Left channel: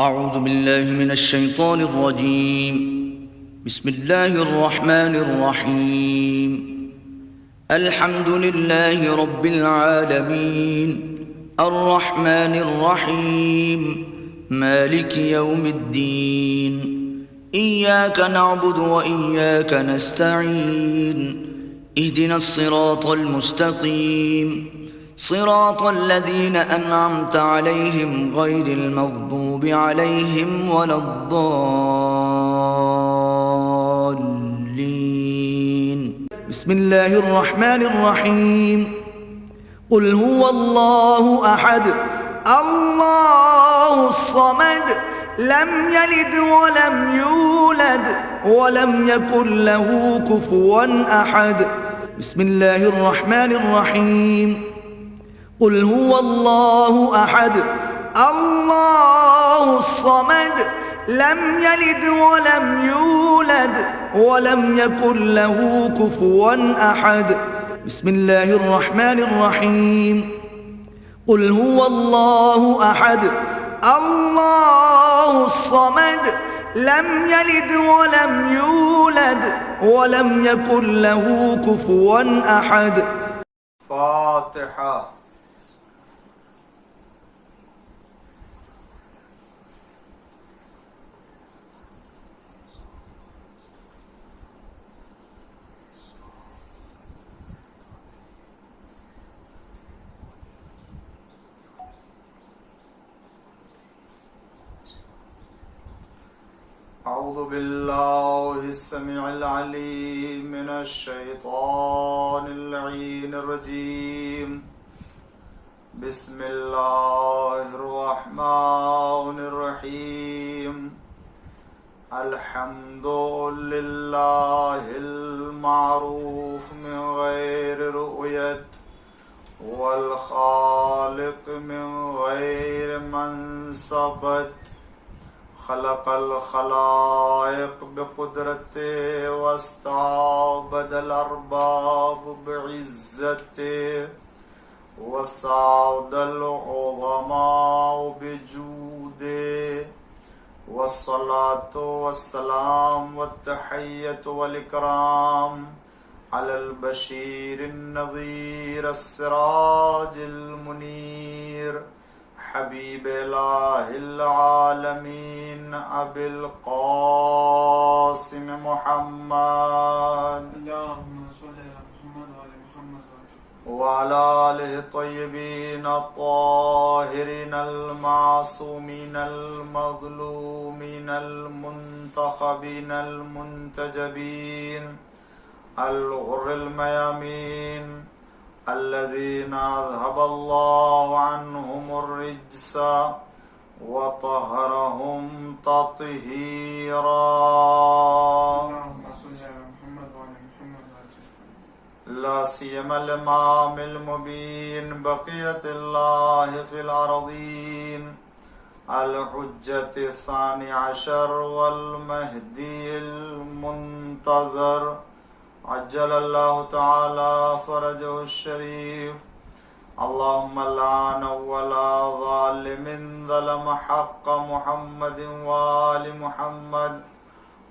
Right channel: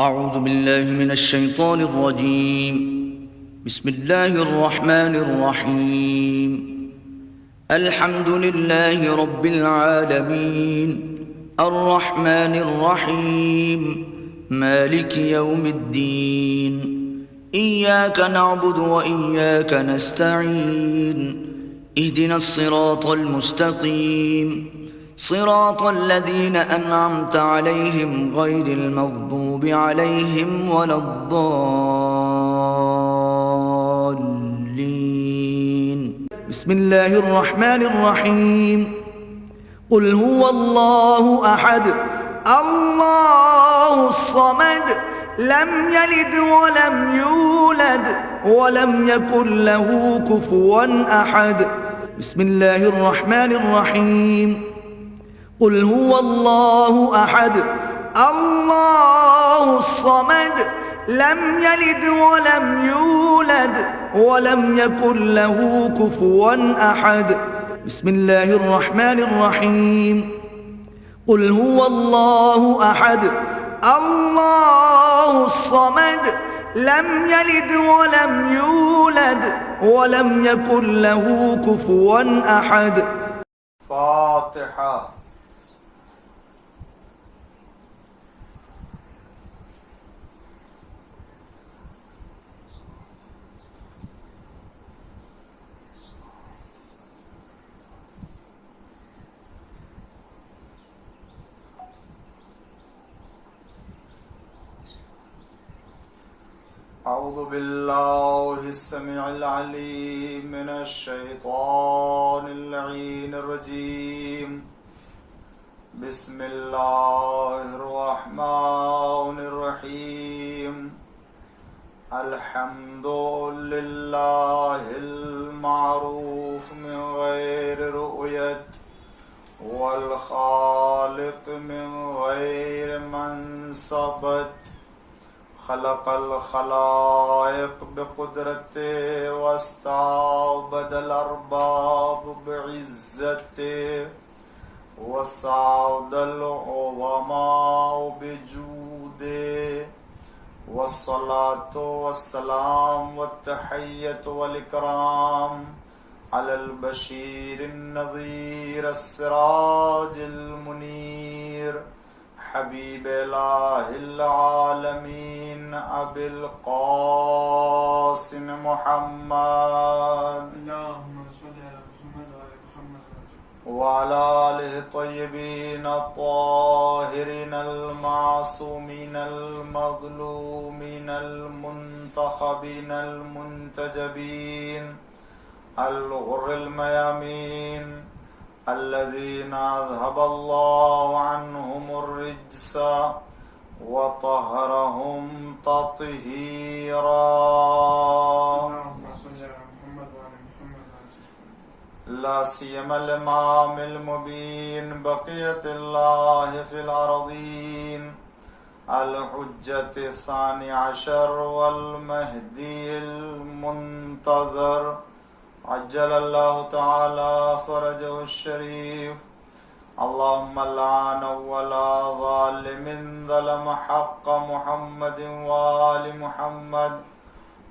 أعوذ بالله من الشيطان الرجيم. بسم الله الرحمن الرحيم. الحمد لله رب العالمين الرحمن الرحيم مالك يوم الدين إياك نعبد وإياك نستعين اهدنا الصراط المستقيم صراط الذين أنعمت عليهم غير المغضوب عليهم ولا الضالين. بسم الله الرحمن الرحيم. قل هو الله أحد الله الصمد لم يلد ولم يولد ولم يكن له كفوا أحد. بسم الله الرحمن الرحيم. قل هو الله أحد الله الصمد لم يلد ولم يولد ولم يكن له كفوا أحد. بسم الله الرحمن الرحيم. قل هو الله أحد الله الصمد لم يلد ولم يولد ولم يكن له كفوا أحد. فاتحة. أعوذ بالله السميع العليم من الشيطان اللعين الرجيم. بسم الله الرحمن الرحيم. الحمد لله المعروف من غير رؤية والخالق من غير منصبت خلق الخلائق بقدرته واستعبد الأرباب بعزته وسعد العظماء بجوده والصلاة والسلام والتحية والإكرام على البشير النذير السراج المنير حبيب إله العالمين أبي القاسم محمد اللهم صل على محمد وعلى محمد وعلى آله الطيبين الطاهرين المعصومين المظلومين المنتخبين المنتجبين الغر الميامين الذين أذهب الله عنهم الرجس وطهرهم تطهيرا. اللهم صل على محمد وعلى محمد لا سيما الإمام المبين بقية الله في الأرضين الحجة الثاني عشر والمهدي المنتظر عجل الله تعالى فرجه الشريف. اللهم لعن ولا ظالم ظلم حق محمد وآل محمد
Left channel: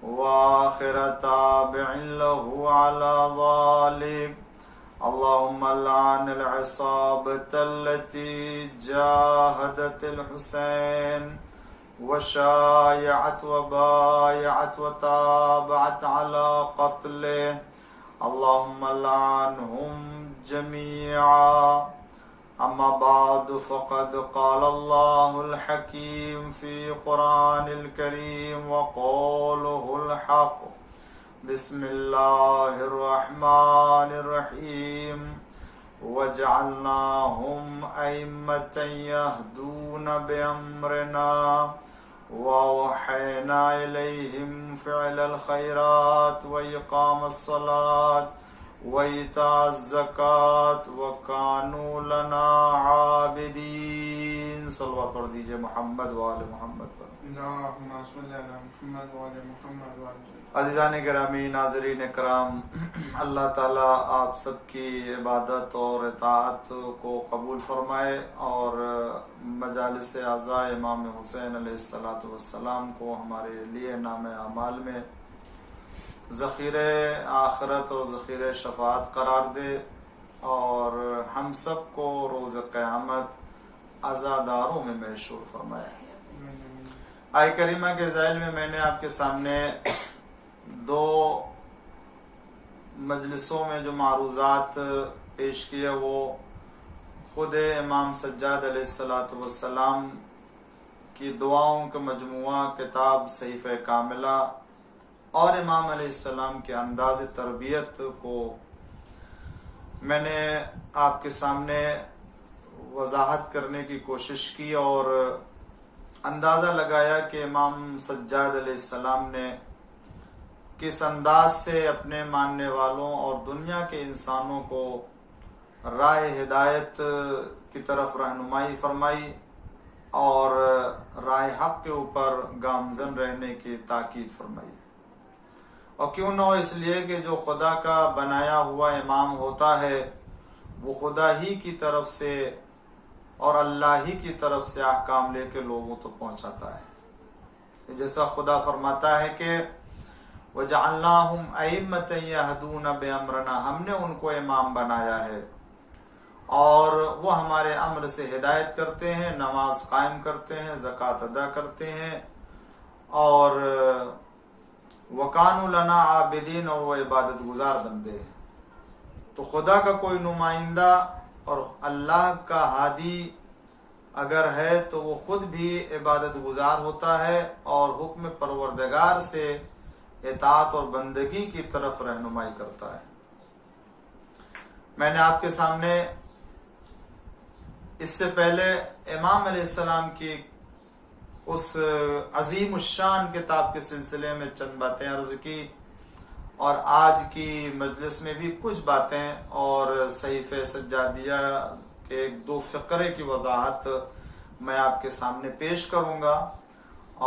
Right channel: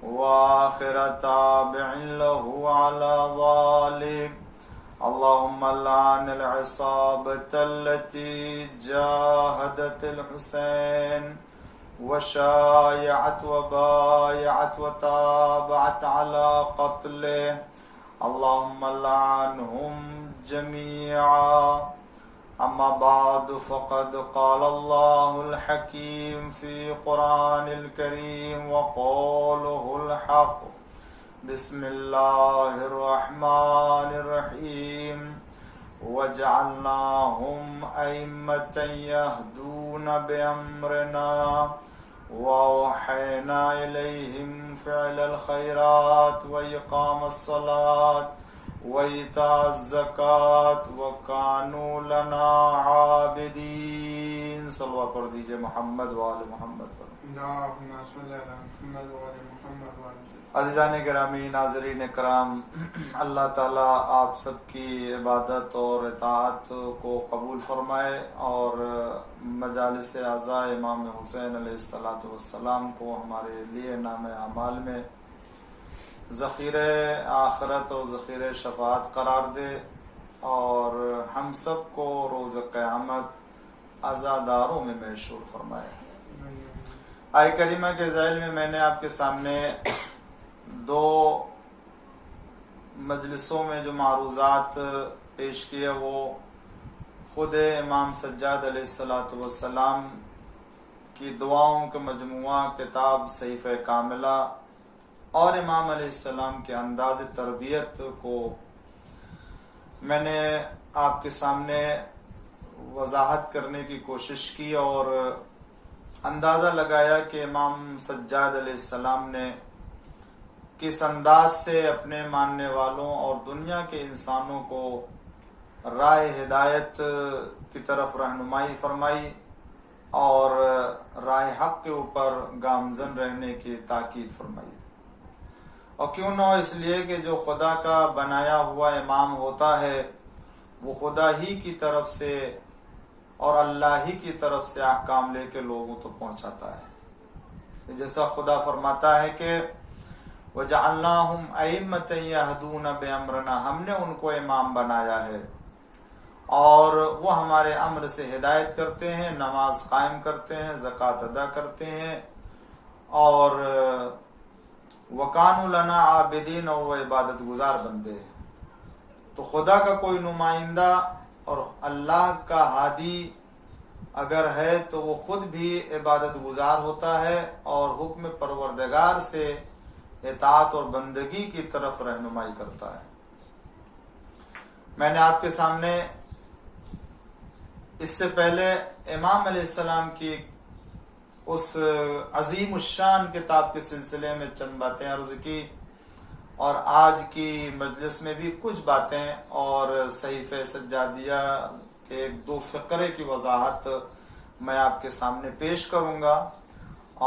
وآخر تابع له على ذلك. اللهم لعن العصابة التي جاهدت الحسين وشايعت وبايعت وتابعت على قتله. اللهم لعنهم جميعا. أما بعد فقد قال الله الحكيم في قرآن الكريم وقوله الحق. بسم الله الرحمن الرحيم. وجعلناهم أئمة يهدون بأمرنا وأوحينا إليهم فعل الخيرات وإقام الصلاة وَإِيتَاءَ الزَّكَاةِ وَكَانُوا لَنَا عَابِدِينَ. صلوات پڑھ دیجئے محمد وآل محمد پر. اللهم صل على محمد وعلى محمد وعلى عزیزان گرامی، ناظرین کرام، اللہ تعالیٰ آپ سب کی عبادت اور اطاعت کو قبول فرمائے اور مجالس اعزاء امام حسین علیہ السلام کو ہمارے لیے نام اعمال میں ذخیرہ آخرت اور ذخیرہ شفاعت قرار دے اور ہم سب کو روز قیامت عزاداروں میں محشور فرمائے. آیہ کریمہ کے ذیل میں نے آپ کے سامنے 2 مجلسوں میں جو معروضات پیش کیے وہ خود امام سجاد علیہ السلام کی دعاؤں کا مجموعہ کتاب صحیفہ کاملہ اور امام علیہ السلام کے انداز تربیت کو میں نے آپ کے سامنے وضاحت کرنے کی کوشش کی اور اندازہ لگایا کہ امام سجاد علیہ السلام نے کس انداز سے اپنے ماننے والوں اور دنیا کے انسانوں کو راہ ہدایت کی طرف رہنمائی فرمائی اور راہ حق کے اوپر گامزن رہنے کی تاکید فرمائی. اور کیوں نہ ہو، اس لیے کہ جو خدا کا بنایا ہوا امام ہوتا ہے وہ خدا ہی کی طرف سے اور اللہ ہی کی طرف سے احکام لے کے لوگوں تو پہنچاتا ہے. جیسا خدا فرماتا ہے کہ وَجَعَلْنَاهُمْ أَئِمَّةً يَهْدُونَ بِأَمْرِنَا، ہم نے ان کو امام بنایا ہے اور وہ ہمارے امر سے ہدایت کرتے ہیں، نماز قائم کرتے ہیں، زکوٰۃ ادا کرتے ہیں اور وَكَانُوا لَنَا عَابِدِينَ، اور وہ عبادت گزار بندے ہیں. تو خدا کا کوئی نمائندہ اور اللہ کا ہادی اگر ہے تو وہ خود بھی عبادت گزار ہوتا ہے اور حکم پروردگار سے اطاعت اور بندگی کی طرف رہنمائی کرتا ہے. میں نے آپ کے سامنے اس سے پہلے امام علیہ السلام کی اس عظیم الشان کتاب کے سلسلے میں چند باتیں عرض کی اور آج کی مجلس میں بھی کچھ باتیں اور صحیفہ سجادیہ کے 1-2 فقرے کی وضاحت میں آپ کے سامنے پیش کروں گا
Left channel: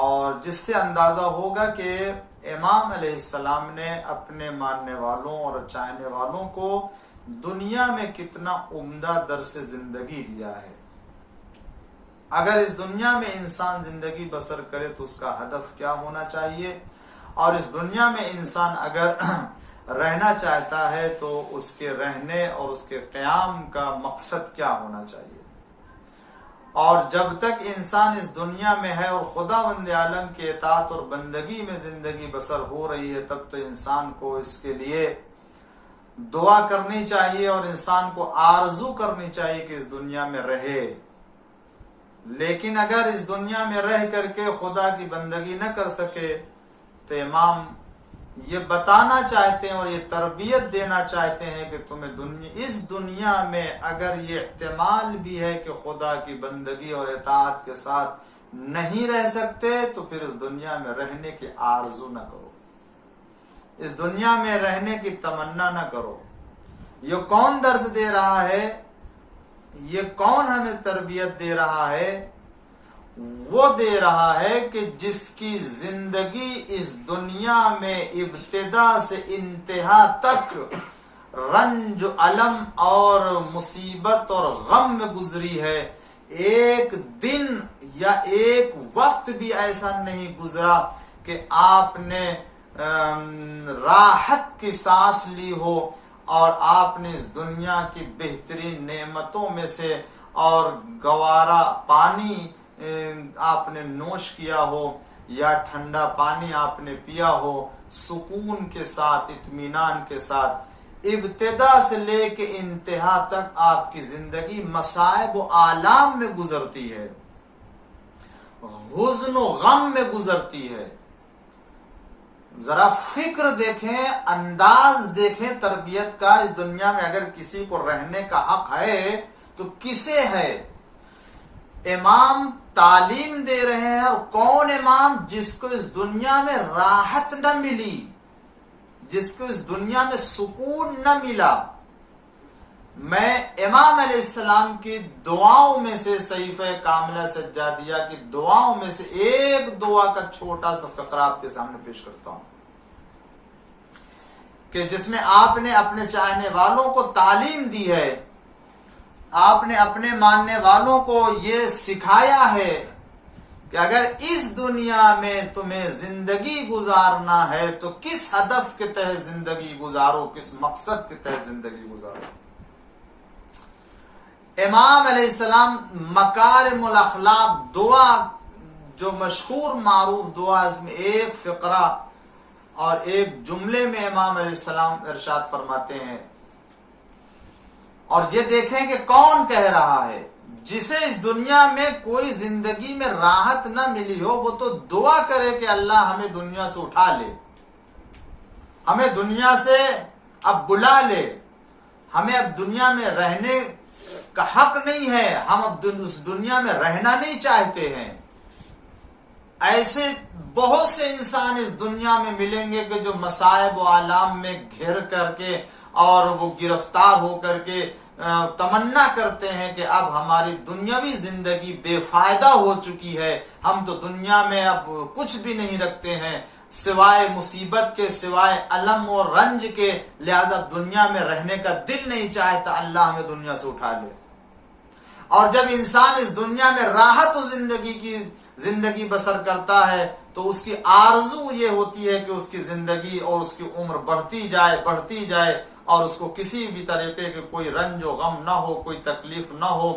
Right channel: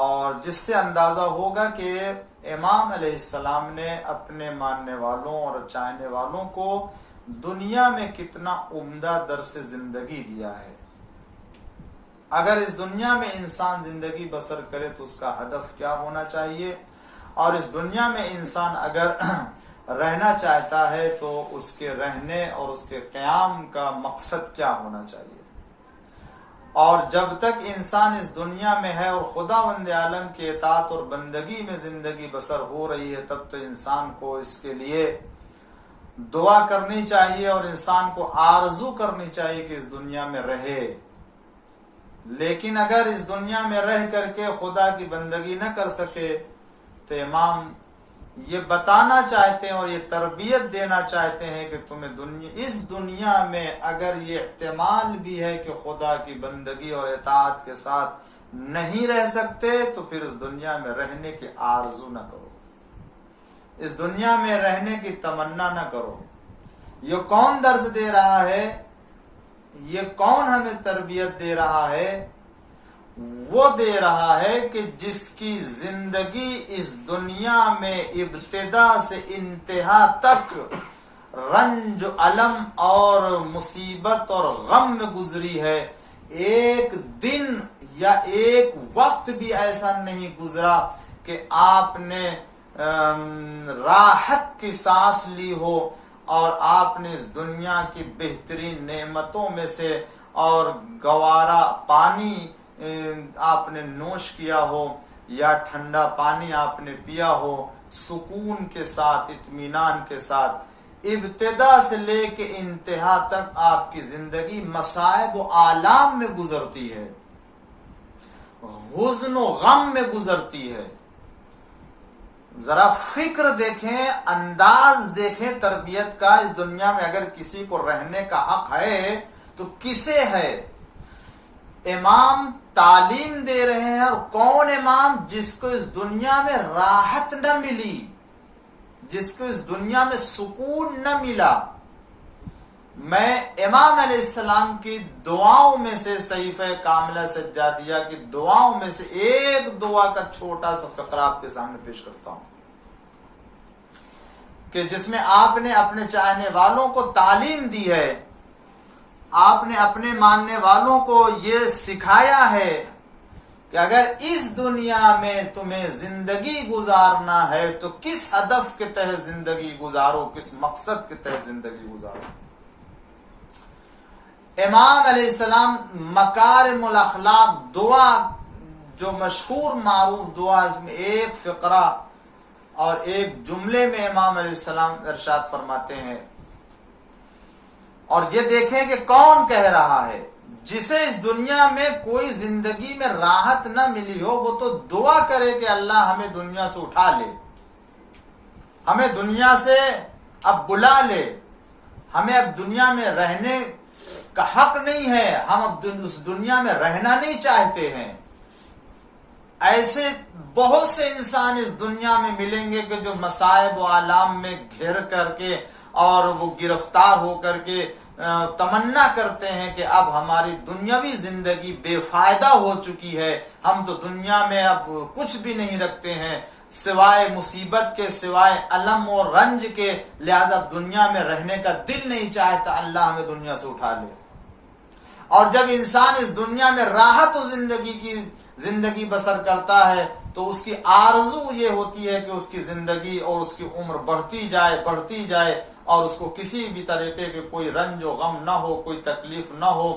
اور جس سے اندازہ ہوگا کہ امام علیہ السلام نے اپنے ماننے والوں اور چاہنے والوں کو دنیا میں کتنا عمدہ درس زندگی دیا ہے. اگر اس دنیا میں انسان زندگی بسر کرے تو اس کا ہدف کیا ہونا چاہیے اور اس دنیا میں انسان اگر رہنا چاہتا ہے تو اس کے رہنے اور اس کے قیام کا مقصد کیا ہونا چاہیے. اور جب تک انسان اس دنیا میں ہے اور خداوند عالم کی اطاعت اور بندگی میں زندگی بسر ہو رہی ہے تب تو انسان کو اس کے لیے دعا کرنی چاہیے اور انسان کو آرزو کرنی چاہیے کہ اس دنیا میں رہے. لیکن اگر اس دنیا میں رہ کر کے خدا کی بندگی نہ کر سکے تو امام یہ بتانا چاہتے ہیں اور یہ تربیت دینا چاہتے ہیں کہ تمہیں اس دنیا میں اگر یہ احتمال بھی ہے کہ خدا کی بندگی اور اطاعت کے ساتھ نہیں رہ سکتے تو پھر اس دنیا میں رہنے کی آرزو نہ کرو، اس دنیا میں رہنے کی تمنا نہ کرو. یہ کون درس دے رہا ہے، یہ کون ہمیں تربیت دے رہا ہے؟ وہ دے رہا ہے کہ جس کی زندگی اس دنیا میں ابتدا سے انتہا تک رنج علم اور مصیبت اور غم میں گزری ہے، ایک دن یا ایک وقت بھی ایسا نہیں گزرا کہ آپ نے راحت کی سانس لی ہو اور آپ نے اس دنیا کی بہترین نعمتوں میں سے اور گوارا پانی آپ نے نوش کیا ہو یا ٹھنڈا پانی آپ نے پیا ہو سکون کے ساتھ، اطمینان کے ساتھ. ابتدا سے لے کے انتہا تک آپ کی زندگی مصائب و آلام میں گزرتی ہے، حزن و غم میں گزرتی ہے. ذرا فکر دیکھیں، انداز دیکھیں تربیت کا. اس دنیا میں اگر کسی کو رہنے کا حق ہے تو کسے ہے؟ امام تعلیم دے رہے ہیں. اور کون امام؟ جس کو اس دنیا میں راحت نہ ملی، جس کو اس دنیا میں سکون نہ ملا، میں امام علیہ السلام کی دعاؤں میں سے صحیفہ کاملہ سجادیہ کی دعاؤں میں سے ایک دعا کا چھوٹا سا فقرہ آپ کے سامنے پیش کرتا ہوں، کہ جس میں آپ نے اپنے چاہنے والوں کو تعلیم دی ہے، آپ نے اپنے ماننے والوں کو یہ سکھایا ہے کہ اگر اس دنیا میں تمہیں زندگی گزارنا ہے تو کس ہدف کے تحت زندگی گزارو، کس مقصد کے تحت زندگی گزارو۔ امام علیہ السلام مکارم الاخلاق دعا جو مشہور معروف دعا، اس میں ایک فقرہ اور ایک جملے میں امام علیہ السلام ارشاد فرماتے ہیں، اور یہ دیکھیں کہ کون کہہ رہا ہے، جسے اس دنیا میں کوئی زندگی میں راحت نہ ملی ہو وہ تو دعا کرے کہ اللہ ہمیں دنیا سے اٹھا لے، ہمیں دنیا سے اب بلا لے، ہمیں اب دنیا میں رہنے کا حق نہیں ہے، ہم اب اس دنیا میں رہنا نہیں چاہتے ہیں۔ ایسے بہت سے انسان اس دنیا میں ملیں گے کہ جو مصائب و آلام میں گھر کر کے اور وہ گرفتار ہو کر کے تمنا کرتے ہیں کہ اب ہماری دنیاوی زندگی بے فائدہ ہو چکی ہے، ہم تو دنیا میں اب کچھ بھی نہیں رکھتے ہیں سوائے مصیبت کے، سوائے الم و رنج کے، لہذا اب دنیا میں رہنے کا دل نہیں چاہتا، اللہ ہمیں دنیا سے اٹھا لے۔ اور جب انسان اس دنیا میں راحت و زندگی بسر کرتا ہے تو اس کی آرزو یہ ہوتی ہے کہ اس کی زندگی اور اس کی عمر بڑھتی جائے اور اس کو کسی بھی طریقے کے کوئی رنج و غم نہ ہو، کوئی تکلیف نہ ہو،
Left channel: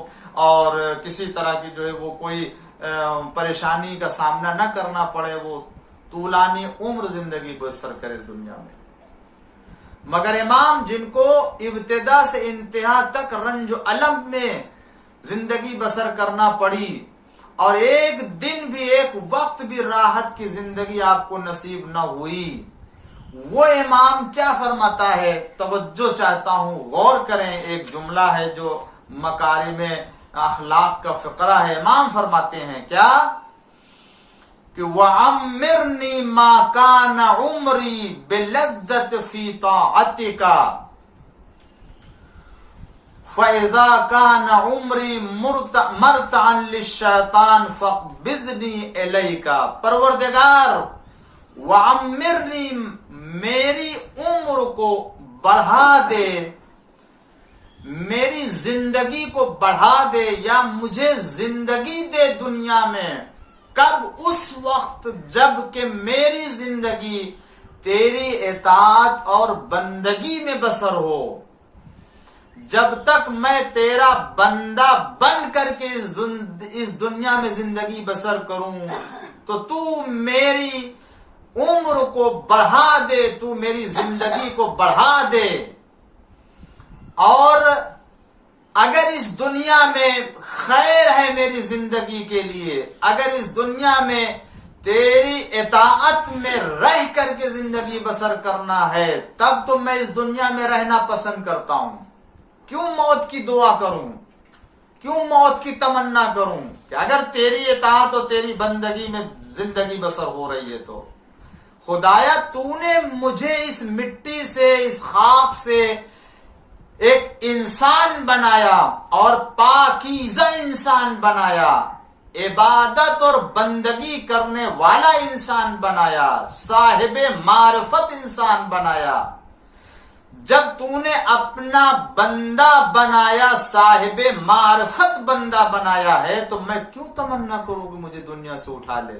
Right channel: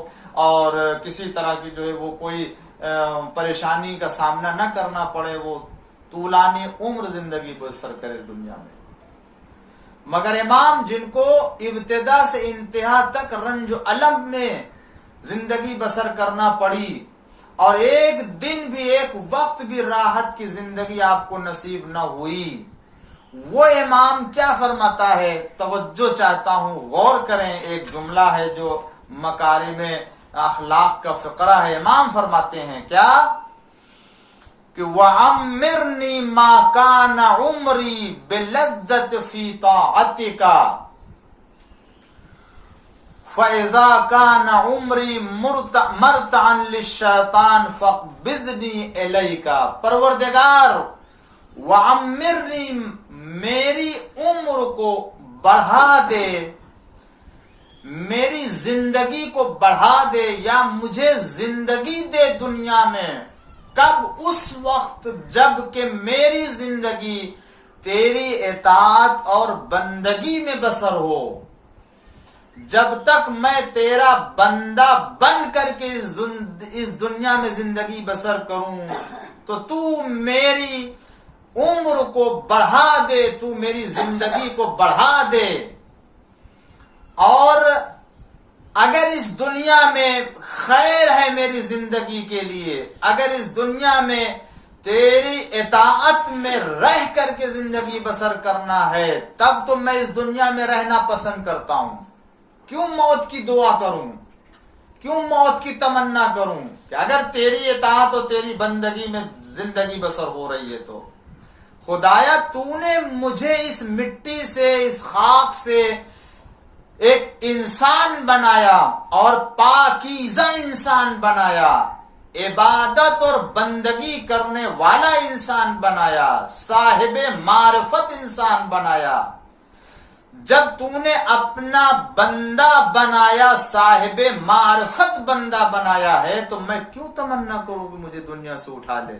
اور کسی طرح کی جو ہے وہ کوئی پریشانی کا سامنا نہ کرنا پڑے، وہ طولانی عمر زندگی بسر کرے اس دنیا میں۔ مگر امام جن کو ابتدا سے انتہا تک رنج و الم میں زندگی بسر کرنا پڑی اور ایک دن بھی، ایک وقت بھی راحت کی زندگی آپ کو نصیب نہ ہوئی، وہ امام کیا فرماتا ہے، توجہ چاہتا ہوں، غور کریں۔ ایک جملہ ہے جو مکارم اخلاق کا فقرہ ہے، امام فرماتے ہیں کیا کہ وَعَمِّرْنِي مَا كَانَ عُمْرِي بِلَذَّةِ فِي طَاعَتِكَ فَإِذَا كَانَ عُمْرِي مَرْتَعًا لِلشَّيْطَانِ فَاقْبِضْنِي إِلَيْكَ۔ پروردگار وَعَمِّرْنِي، میری عمر کو بڑھا دے، میری زندگی کو بڑھا دے، یا مجھے زندگی دے دنیا میں، کب؟ اس وقت جب کہ میری زندگی تیری اطاعت اور بندگی میں بسر ہو، جب تک میں تیرا بندہ بن کر کے اس دنیا میں زندگی بسر کروں تو میری عمر کو بڑھا دے، تو میری زندگی کو بڑھا دے، اور اگر اس دنیا میں خیر ہے میری زندگی کے لیے، اگر اس دنیا میں تیری اطاعت میں رہ کر کے زندگی بسر کرنا ہے، تب تو میں اس دنیا میں رہنا پسند کرتا ہوں۔ کیوں موت کی دعا کروں، کیوں موت کی تمنا کروں، کہ اگر تیری اطاعت اور تیری بندگی میں زندگی بسر ہو رہی ہے تو خدایا تو نے مجھے اس مٹی سے، اس خاک سے ایک انسان بنایا اور پاکیزہ انسان بنایا، عبادت اور بندگی کرنے والا انسان بنایا، صاحب معرفت انسان بنایا۔ جب تو نے اپنا بندہ بنایا، صاحب معرفت بندہ بنایا ہے، تو میں کیوں تمنا کروں کہ مجھے دنیا سے اٹھا لے؟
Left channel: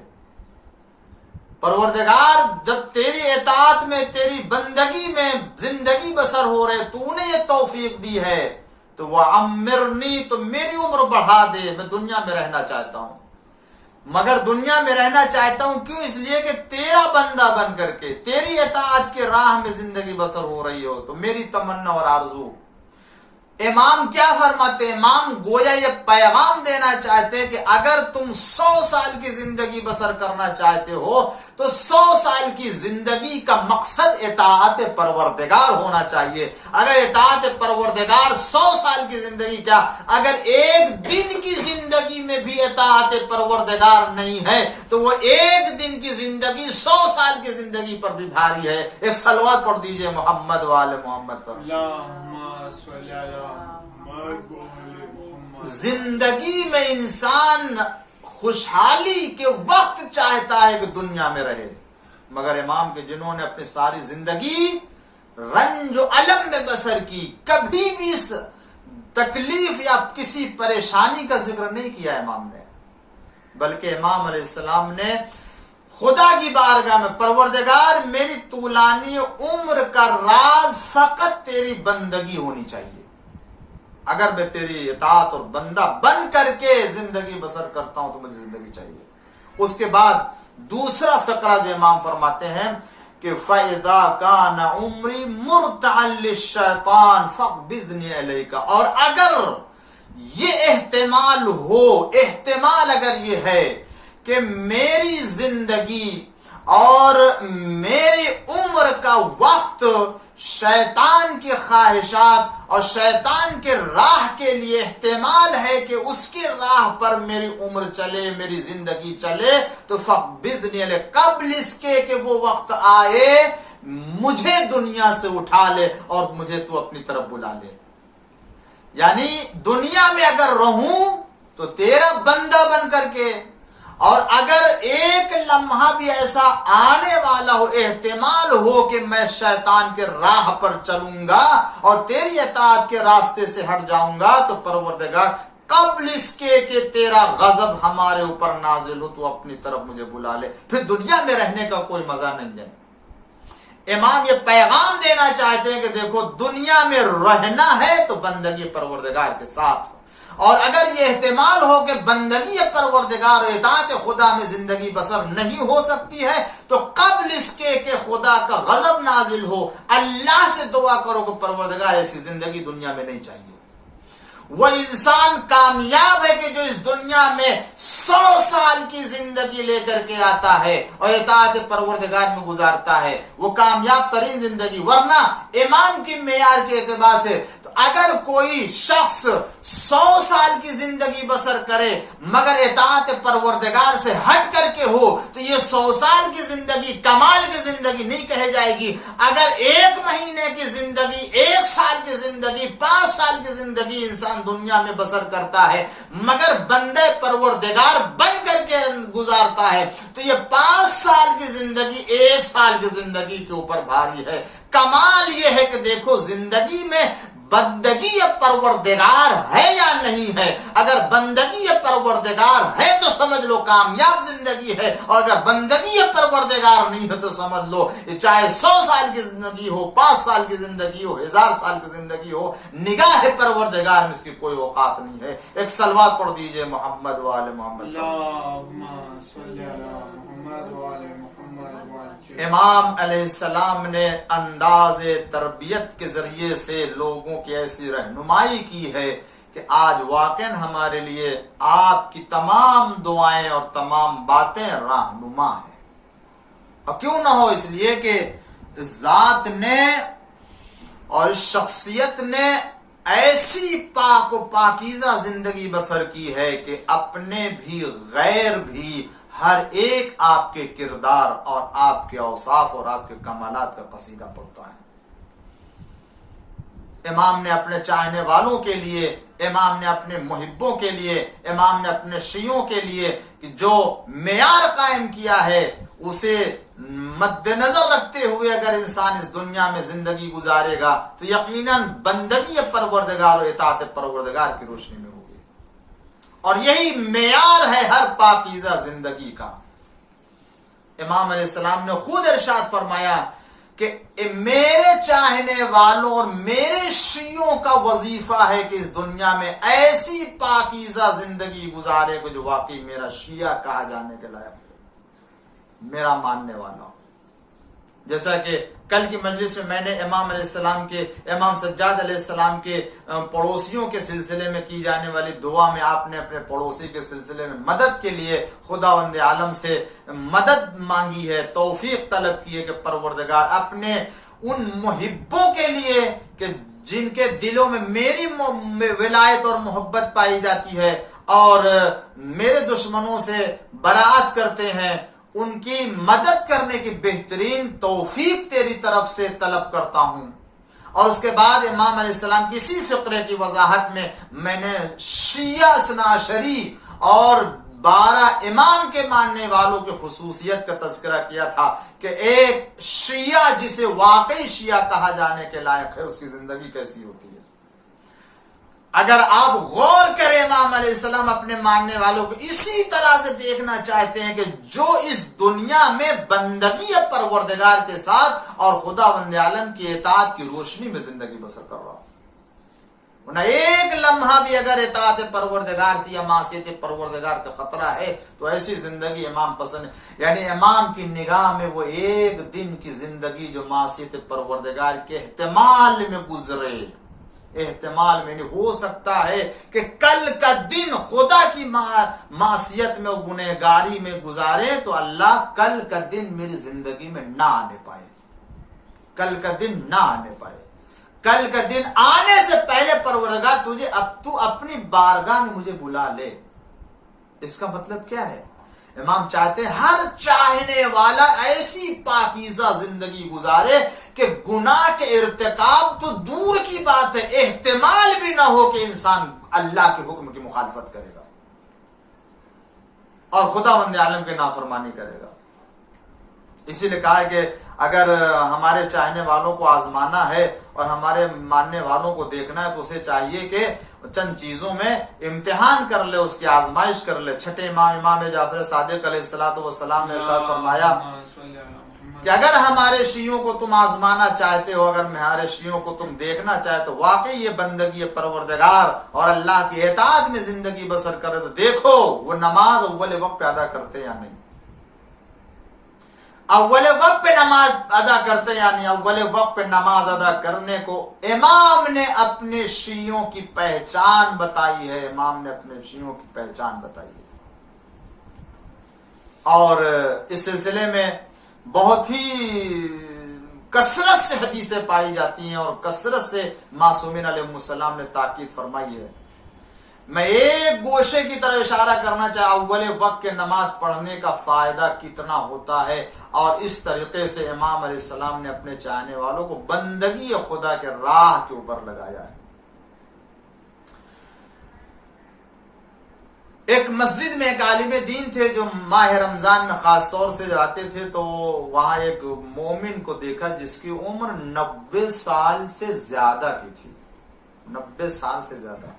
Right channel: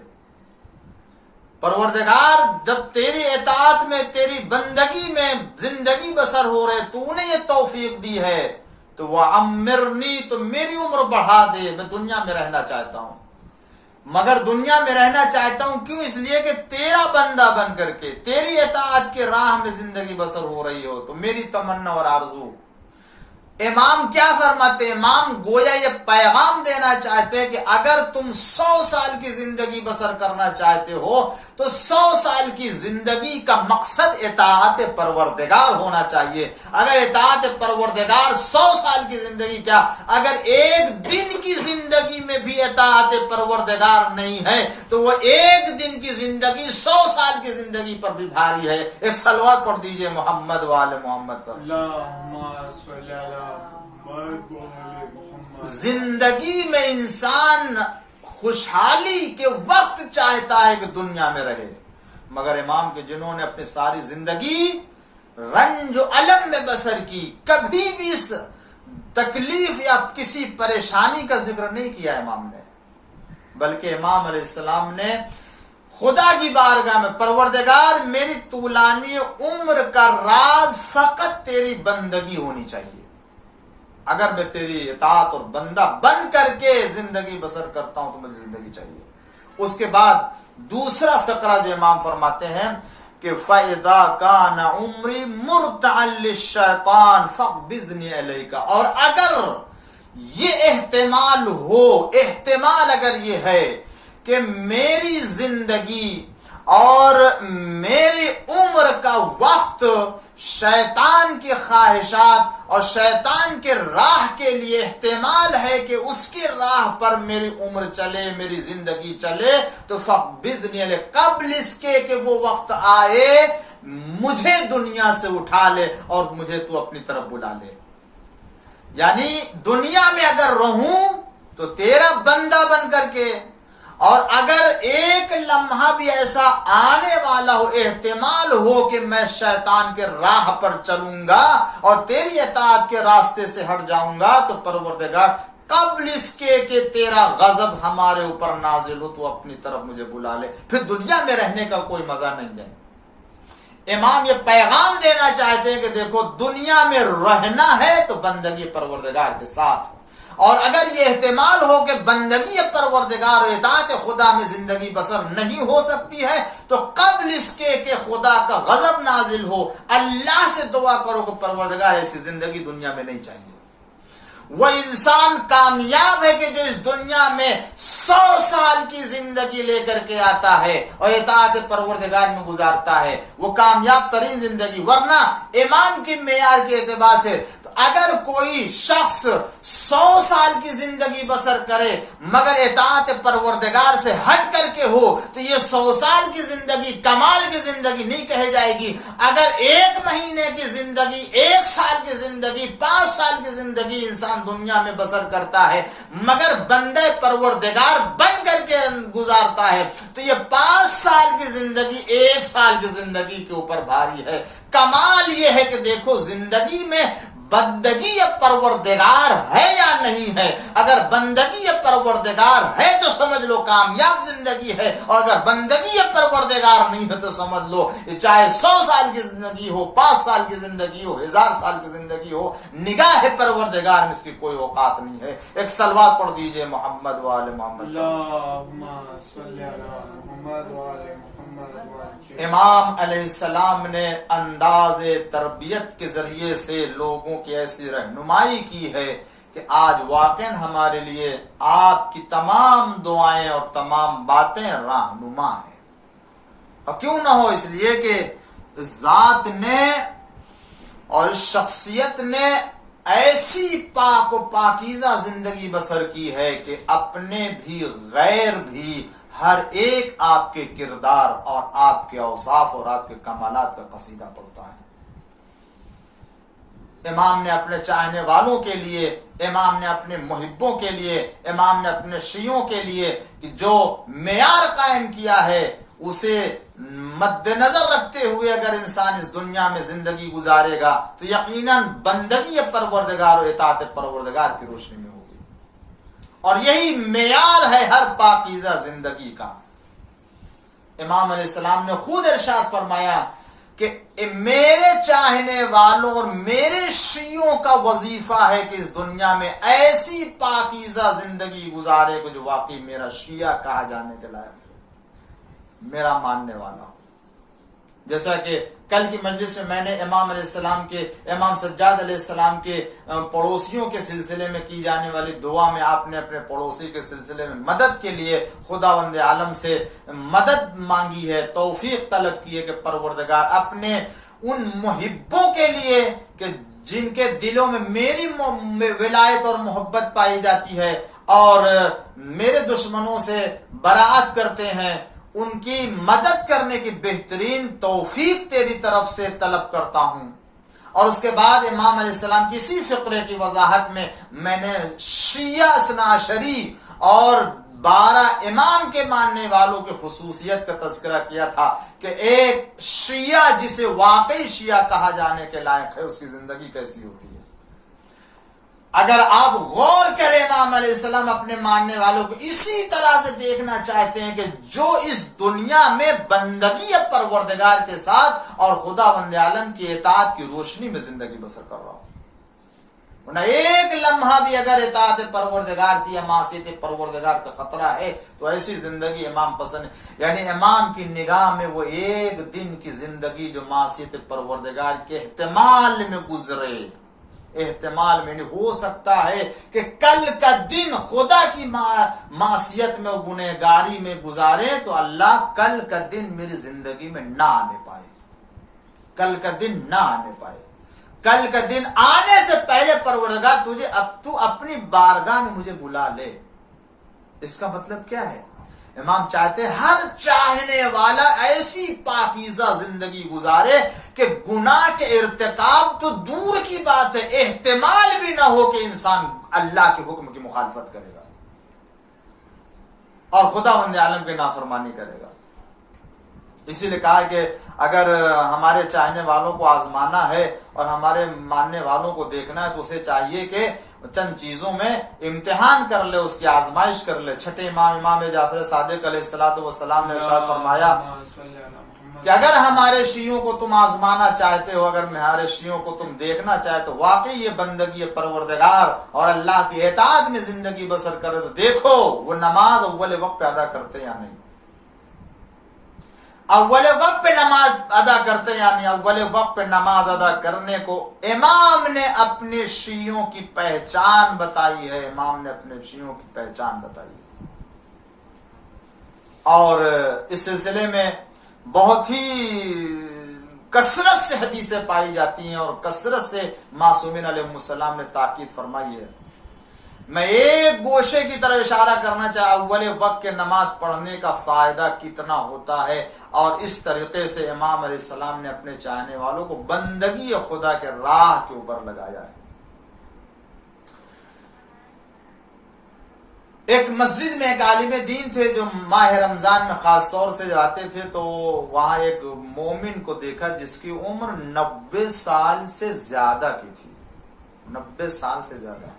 پروردگار جب تیری اطاعت میں، تیری بندگی میں زندگی بسر ہو رہے، تو نے یہ توفیق دی ہے، تو وَعَمِّرْنِي، تو میری عمر بڑھا دے، میں دنیا میں رہنا چاہتا ہوں۔ مگر دنیا میں رہنا چاہتا ہوں کیوں؟ اس لیے کہ تیرا بندہ بن کر کے تیری اطاعت کے راہ میں زندگی بسر ہو رہی ہو، تو میری تمنا اور آرزو امام کیا فرماتے ہیں؟ امام گویا یہ پیغام دینا چاہتے ہیں کہ اگر تم 100 سال کی زندگی بسر کرنا چاہتے ہو تو 100 سال کی زندگی کا مقصد اطاعت پروردگار ہونا چاہیے. اگر اطاعت پروردگار 100 سال کی زندگی کیا، اگر ایک دن کی زندگی میں بھی اطاعت پروردگار نہیں ہے تو وہ ایک دن کی زندگی 100 سال کی زندگی پر بھی بھاری ہے. ایک صلوات پڑھ دیجئے محمد وآل محمد پر. زندگی میں انسان خوشحالی کے وقت چاہتا ہے کہ دنیا میں رہے، مگر امام کے جنہوں نے اپنی ساری زندگی رنج و الم میں بسر کی، کبھی بھی اس تکلیف یا کسی پریشانی کا ذکر نہیں کیا امام نے، بلکہ امام علیہ السلام نے خدا کی بارگاہ میں پروردگار میری طولانی عمر کا راز فقط تیری بندگی ہونی چاہیے. اگر میں تیری اطاعت اور بندہ بن کر کے زندگی بسر کرتا ہوں تو مجھے زندگی چاہیے. اس کے بعد دوسرا فقرہ جو امام فرماتے ہیں کہ فَإِذَا كَانَ عُمْرِي مُرْتَعًا لِلشَّيْطَانِ فَاقْبِضْنِي إِلَيْكَ. اور اگر یہ احتمال اگر یہ ہے کہ میری زندگی اور میری عمر کا وقت شیطان کی خواہشات اور شیطان کے راہ کے لیے احتمال ہے کہ اس کی راہ پر میری عمر چلے، میری زندگی چلے، تو فَقْبِضْنِي إِلَيْكَ، قبل اس کے کہ وہ وقت آئے مجھے دنیا سے اٹھا لے اور مجھے تو اپنی طرف بلا لے. یعنی دنیا میں اگر رہوں تو تیرا بندہ بن کر کے، اور اگر ایک لمحہ بھی ایسا آنے والا ہو، احتمال ہو کہ میں شیطان کے راہ پر چلوں گا اور تیری اطاعت کے راستے سے ہٹ جاؤں گا، تو پروردگار قبل اس کے کہ تیرا غضب ہمارے اوپر نازل ہو تو اپنی طرف مجھے بلا لے، پھر دنیا میں رہنے کا کوئی مزہ نہیں ہے. امام یہ پیغام دینا چاہتے ہیں کہ دیکھو دنیا میں رہنا ہے تو بندگی پروردگار کے ساتھ، اور اگر یہ احتمال ہو کہ بندگی پروردگار و اطاعت خدا میں زندگی بسر نہیں ہو سکتی ہے تو قبل اس کے کہ خدا کا غضب نازل ہو اللہ سے دعا کرو کہ پروردگار ایسی زندگی دنیا میں نہیں چاہیے. وہ انسان کامیاب ہے کہ جو اس دنیا میں 100 سال کی زندگی لے کر کے آتا ہے اور اطاعت پروردگار میں گزارتا ہے، وہ کامیاب ترین زندگی. ورنہ امام کی معیار کے اعتبار سے اگر کوئی شخص 100 سال کی زندگی بسر کرے مگر اطاعت پروردگار سے ہٹ کر کے ہو تو یہ 100 سال کی زندگی کمال کی زندگی نہیں کہی جائے گی. اگر 1 مہینے کی زندگی، 1 سال کی زندگی، 5 سال کی زندگی انسان دنیا میں بسر کرتا ہے مگر بندے پروردگار بن کر کے گزارتا ہے تو یہ 5 سال کی زندگی 1 سال کی زندگی کے اوپر بھاری ہے. کمال یہ ہے کہ دیکھو زندگی میں بندگی پروردگار ہے یا نہیں ہے. اگر بندگی پروردگار ہے تو سمجھ لو کامیاب زندگی ہے، اور اگر بندگی پروردگار نہیں ہے تو سمجھ لو چاہے 100 سال کی زندگی ہو، 5 سال کی زندگی ہو، 1000 سال کی زندگی ہو، نگاہ پروردگار میں اس کی کوئی اوقات نہیں ہے. ایک صلوات پڑھ دیجئے محمد وآل محمد. اللہم صلی علی محمد وآل محمد. امام علیہ السلام نے انداز تربیت کے ذریعے سے لوگوں کی ایسی رہنمائی کی ہے کہ آج واقعا ہمارے لیے آپ کی تمام دعائیں اور تمام باتیں رہنما ہیں. اور کیوں نہ ہو، اس لیے کہ اس ذات نے اور اس شخصیت نے ایسی پاک و پاکیزہ زندگی بسر کی ہے کہ اپنے بھی غیر بھی ہر ایک آپ کے کردار اور آپ کے اوصاف اور آپ کے کمالات کا قصیدہ پڑھتا ہے. امام نے اپنے چاہنے والوں کے لیے، امام نے اپنے محبوں کے لیے، امام نے اپنے شیعوں کے لیے کہ جو معیار قائم کیا ہے اسے مد نظر رکھتے ہوئے اگر انسان اس دنیا میں زندگی گزارے گا تو یقیناً بندگی پروردگار و اطاعت پروردگار کی روشنی میں ہوگی. اور یہی معیار ہے ہر پاکیزہ زندگی کا. امام علیہ السلام نے خود ارشاد فرمایا کہ میرے چاہنے والوں اور میرے شیعوں کا وظیفہ ہے کہ اس دنیا میں ایسی پاکیزہ زندگی گزارے کہ جو واقعی میرا شیعہ کہا جانے کے لائق ہو، میرا ماننے والا ہو. جیسا کہ کل کی مجلس میں نے امام سجاد علیہ السلام کے پڑوسیوں کے سلسلے میں کی جانے والی دعا میں آپ نے اپنے پڑوسی کے سلسلے میں مدد کے لیے خداوند عالم سے مدد مانگی ہے، توفیق طلب کی ہے کہ پروردگار اپنے ان محبوں کے لیے کہ جن کے دلوں میں میری ولایت اور محبت پائی جاتی ہے اور میرے دشمنوں سے براعت کرتے ہیں، ان کی مدد کرنے کی بہترین توفیق تیری طرف سے طلب کرتا ہوں۔ اور اس کے بعد امام علیہ السلام کی اسی فقرے کی وضاحت میں نے شیعہ اثنا عشری اور 12 امام کے ماننے والوں کی خصوصیت کا تذکرہ کیا تھا کہ ایک شیعہ جسے واقعی شیعہ کہا جانے کے لائق ہے اس کی زندگی کیسی ہوتی ہے۔ اگر آپ غور کریں امام علیہ السلام اپنے ماننے والوں کو اسی طرح سے دیکھنا چاہتے ہیں کہ جو اس دنیا میں بندگی پروردگار کے ساتھ اور خداوند عالم کی اطاعت کی روشنی میں زندگی بسر کر رہا ہو، نہ ایک لمحہ بھی اگر اطاعت پروردگار سے یا معصیت پروردگار کا خطرہ ہے تو ایسی زندگی امام پسند ہے۔ یعنی امام کی نگاہ میں وہ ایک دن کی زندگی جو معصیت پروردگار کے احتمال میں گزرے، احتمال میں نہیں ہو سکتا ہے کہ کل کا دن خدا کی معصیت میں گنہگاری میں گزارے تو اللہ کل کا دن میری زندگی میں نہ آنے پائے، کل کا دن نہ آنے پائے۔ کل کا دن آنے سے پہلے پروردگار تو اپنی بارگاہ میں مجھے بلا لے۔ اس کا مطلب کیا ہے؟ امام چاہتے ہیں ہر چاہنے والا ایسی پاکیزہ زندگی گزارے کہ گناہ کے ارتکاب تو دور کی بات ہے، احتمال بھی نہ ہو کہ انسان اللہ کے حکم کی مخالفت کرے گا اور خداوند عالم کی نافرمانی کرے گا۔ اسی لیے کہا ہے کہ اگر ہمارے چاہنے والوں کو آزمانا ہے اور ہمارے ماننے والوں کو دیکھنا ہے تو اسے چاہیے کہ چند چیزوں میں امتحان کر لے، اس کی آزمائش کر لے۔ چھٹے امام جعفر صادق علیہ السلام نے ارشاد فرمایا کہ اگر ہمارے شیعوں کو تم آزمانا چاہتے ہو، اگر ہمارے شیعوں کو تم دیکھنا چاہتے ہو واقعی یہ بندگی پروردگار اور اللہ کی اطاعت میں زندگی بسر کرے تو دیکھو وہ نماز اول وقت پہ ادا کرتے یا نہیں، اول وقت پہ نماز ادا کرتے یعنی اول وقت پہ نماز ادا کرنے کو امام نے اپنے شیعوں کی پہچان بتائی ہے، امام نے اپنے شیعوں کی پہچان بتائی ہے۔ اور اس سلسلے میں بہت ہی کثرت سے حدیثیں پائی جاتی ہیں اور کثرت سے معصومین علیہ السلام نے تاکید فرمائی ہے۔ میں ایک گوشے کی طرف اشارہ کرنا چاہتا اول وقت کے نماز پڑھنے کا فائدہ کتنا ہوتا ہے، اور اس طریقے سے امام علیہ السلام نے اپنے چاہنے والوں کو بندگی خدا کے راہ کے اوپر لگایا ہے۔ ایک مسجد میں ایک عالم دین تھے جو ماہ رمضان میں خاص طور سے جاتے تھے، تو وہاں ایک مومن کو دیکھا جس کی عمر 90 سال سے زیادہ کی تھی، 90 سال سے زیادہ،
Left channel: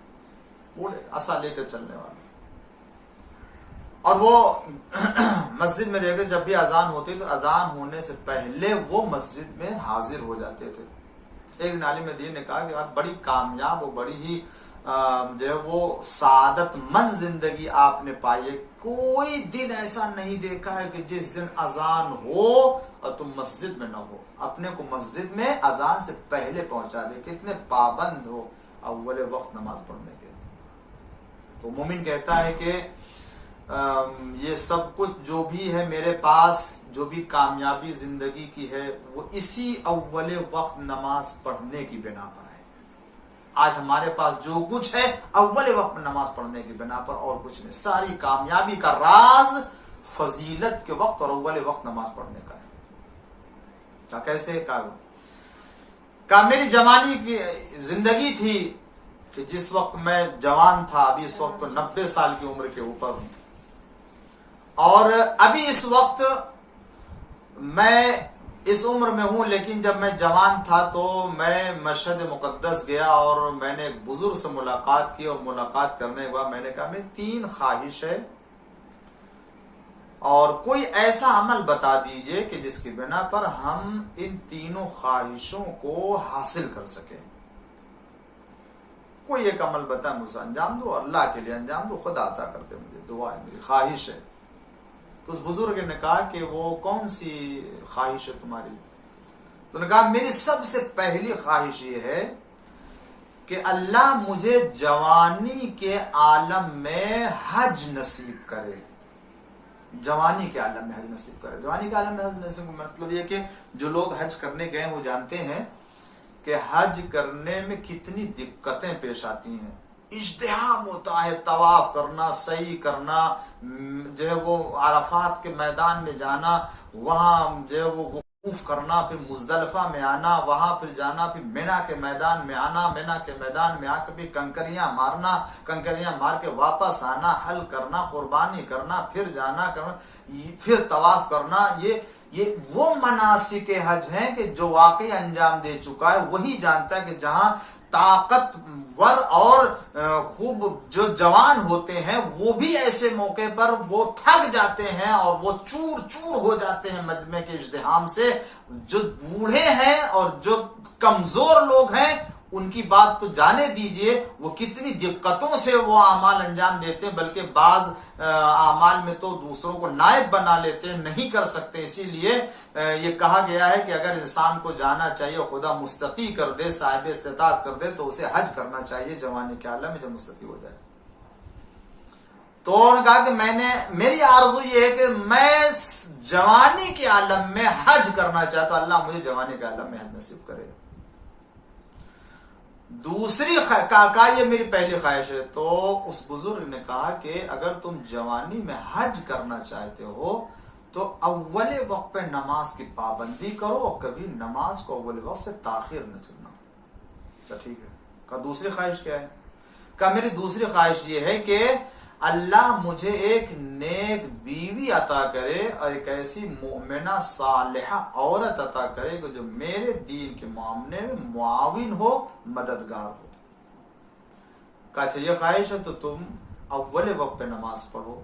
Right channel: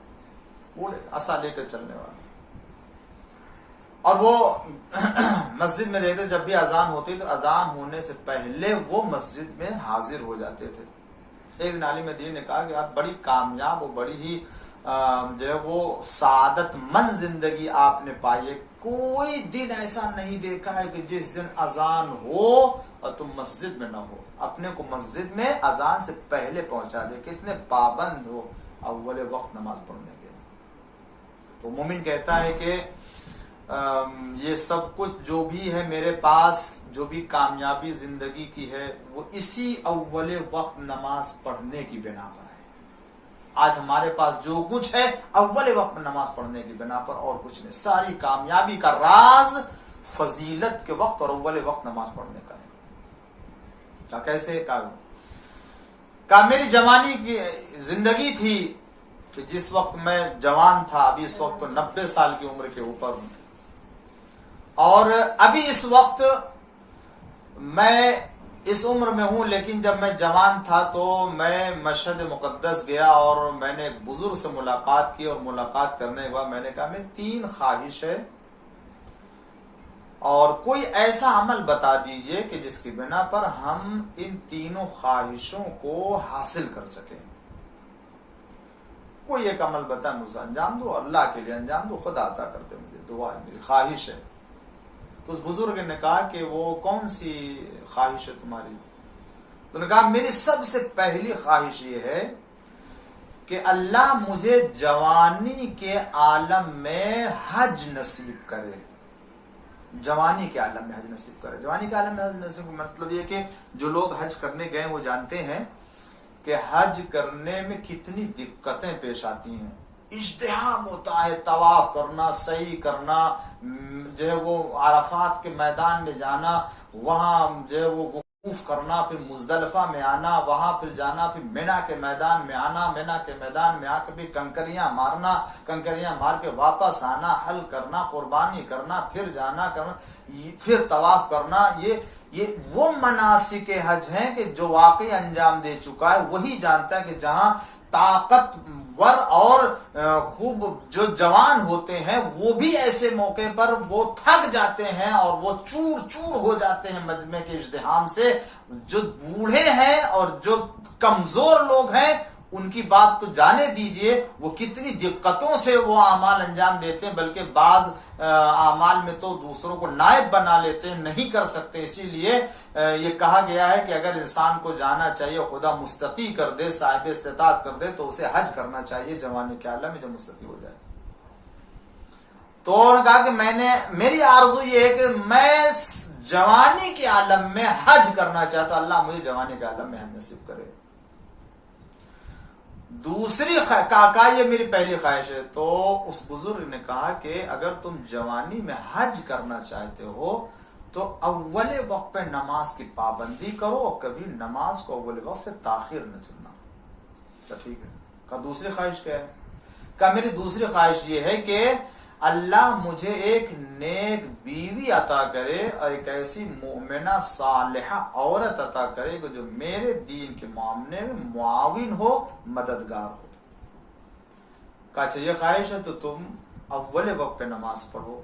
بوڑھے عصا لے کر چلنے والا، اور وہ مسجد میں دیکھتے جب بھی اذان ہوتی تو اذان ہونے سے پہلے وہ مسجد میں حاضر ہو جاتے تھے۔ ایک دن عالم دین نے کہا کہ آپ بڑی کامیاب اور بڑی ہی جو ہے وہ سعادت مند زندگی آپ نے پائی ہے، کوئی دن ایسا نہیں دیکھا ہے کہ جس دن اذان ہو اور تم مسجد میں نہ ہو، اپنے کو مسجد میں اذان سے پہلے پہنچا دے، کتنے پابند ہو اول وقت نماز پڑھنے کے۔ تو مومن کہتا ہے کہ یہ سب کچھ جو بھی ہے میرے پاس، جو بھی کامیابی زندگی کی ہے وہ اسی اول وقت نماز پڑھنے کی بنا پر ہے۔ آج ہمارے پاس جو کچھ ہے اول وقت نماز پڑھنے کی بنا پر، اور کچھ نہیں۔ ساری کامیابی کا راز فضیلت کے وقت اور اول وقت نماز پڑھنے کا ہے۔ کیسے کہا میری جوانی کی زندگی تھی کہ جس وقت میں جوان تھا، ابھی اس وقت 90 سال کی عمر کے اوپر ہوں، اور ابھی اس وقت میں اس عمر میں ہوں، لیکن جب میں جوان تھا تو میں مشہد مقدس گیا اور میں نے ایک بزرگ سے ملاقات کی، اور ملاقات کرنے کے بعد میں نے کہا میں 3 خواہش ہے اور کوئی ایسا عمل بتا دیجئے کہ جس کی بنا پر ہم ان 3 خواہشوں کو حاصل کر سکیں۔ کوئی ایک عمل بتا مجھے انجام دو، اللہ کے لیے انجام دو، خدا عطا کر دے، مجھے دعا ہے، میری خواہش ہے۔ تو اس بزرگ نے کہا کہ وہ کون سی خواہش ہے تمہاری؟ تو نے کہا میری سب سے پہلی خواہش یہ ہے کہ اللہ مجھے جوانی کے عالم میں حج نصیب کرے. جوانی کے عالم میں حج نصیب کرے. جوانی کے عالم میں حج نصیب کا مطلب یہ کہ جو لوگ حج کرنے گئے وہ جانتے ہیں کہ حج کرنے میں کتنی دقتیں پیش آتی ہیں. اجتحام ہوتا ہے, طواف کرنا, سعی کرنا, جو ہے وہ عرفات کے میدان میں جانا, وہاں جو ہے وہ وقوف کرنا, پھر مزدلفہ میں آنا, وہاں پھر جانا, پھر مینا کے میدان میں آنا, مینا کے میدان میں آ کے پھر کنکریاں مارنا, کنکریاں مار کے واپس آنا, حل کرنا, قربانی کرنا, پھر جانا کرنا, پھر طواف کرنا. یہ وہ مناسک حج ہیں کہ جو واقعی انجام دے چکا ہے وہی جانتا ہے کہ جہاں طاقتور اور خوب جو جوان ہوتے ہیں وہ بھی ایسے موقع پر وہ تھک جاتے ہیں اور وہ چور چور ہو جاتے ہیں مجمع کے ازدحام سے. جو بوڑھے ہیں اور جو کمزور لوگ ہیں ان کی بات تو جانے دیجئے, وہ کتنی دقتوں سے وہ اعمال انجام دیتے ہیں, بلکہ بعض اعمال میں تو دوسروں کو نائب بنا لیتے ہیں, نہیں کر سکتے. اسی لیے یہ کہا گیا ہے کہ اگر انسان کو جانا چاہیے, خدا مستطیع کر دے, صاحب استطاعت کر دے, تو اسے حج کرنا چاہیے جوانی کے عالم میں جب مستطیع ہو جائے. تو انہوں نے کہا کہ میری آرزو یہ ہے کہ میں جوانی کے عالم میں حج کرنا چاہتا ہوں, اللہ مجھے جوانی کے عالم میں حج نصیب کرے. دوسری کہا یہ میری پہلی خواہش ہے. تو اس بزرگ نے کہا کہ اگر تم جوانی میں حج کرنا چاہتے ہو تو اول وقت پہ نماز کی پابندی کرو اور کبھی نماز کو اول وقت سے تاخیر نہ چننا. تو ٹھیک ہے. کہا دوسری خواہش کیا ہے؟ کہا میری دوسری خواہش یہ ہے کہ اللہ مجھے ایک نیک بیوی عطا کرے اور ایک ایسی مومنہ صالحہ عورت عطا کرے کہ جو میرے دین کے معاملے میں معاون ہو, مددگار ہو. کہا اچھا یہ خواہش ہے تو تم اول وقت پہ نماز پڑھو,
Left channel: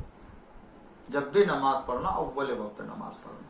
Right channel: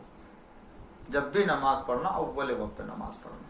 جب بھی نماز پڑھنا اول وقت پہ نماز پڑھنا.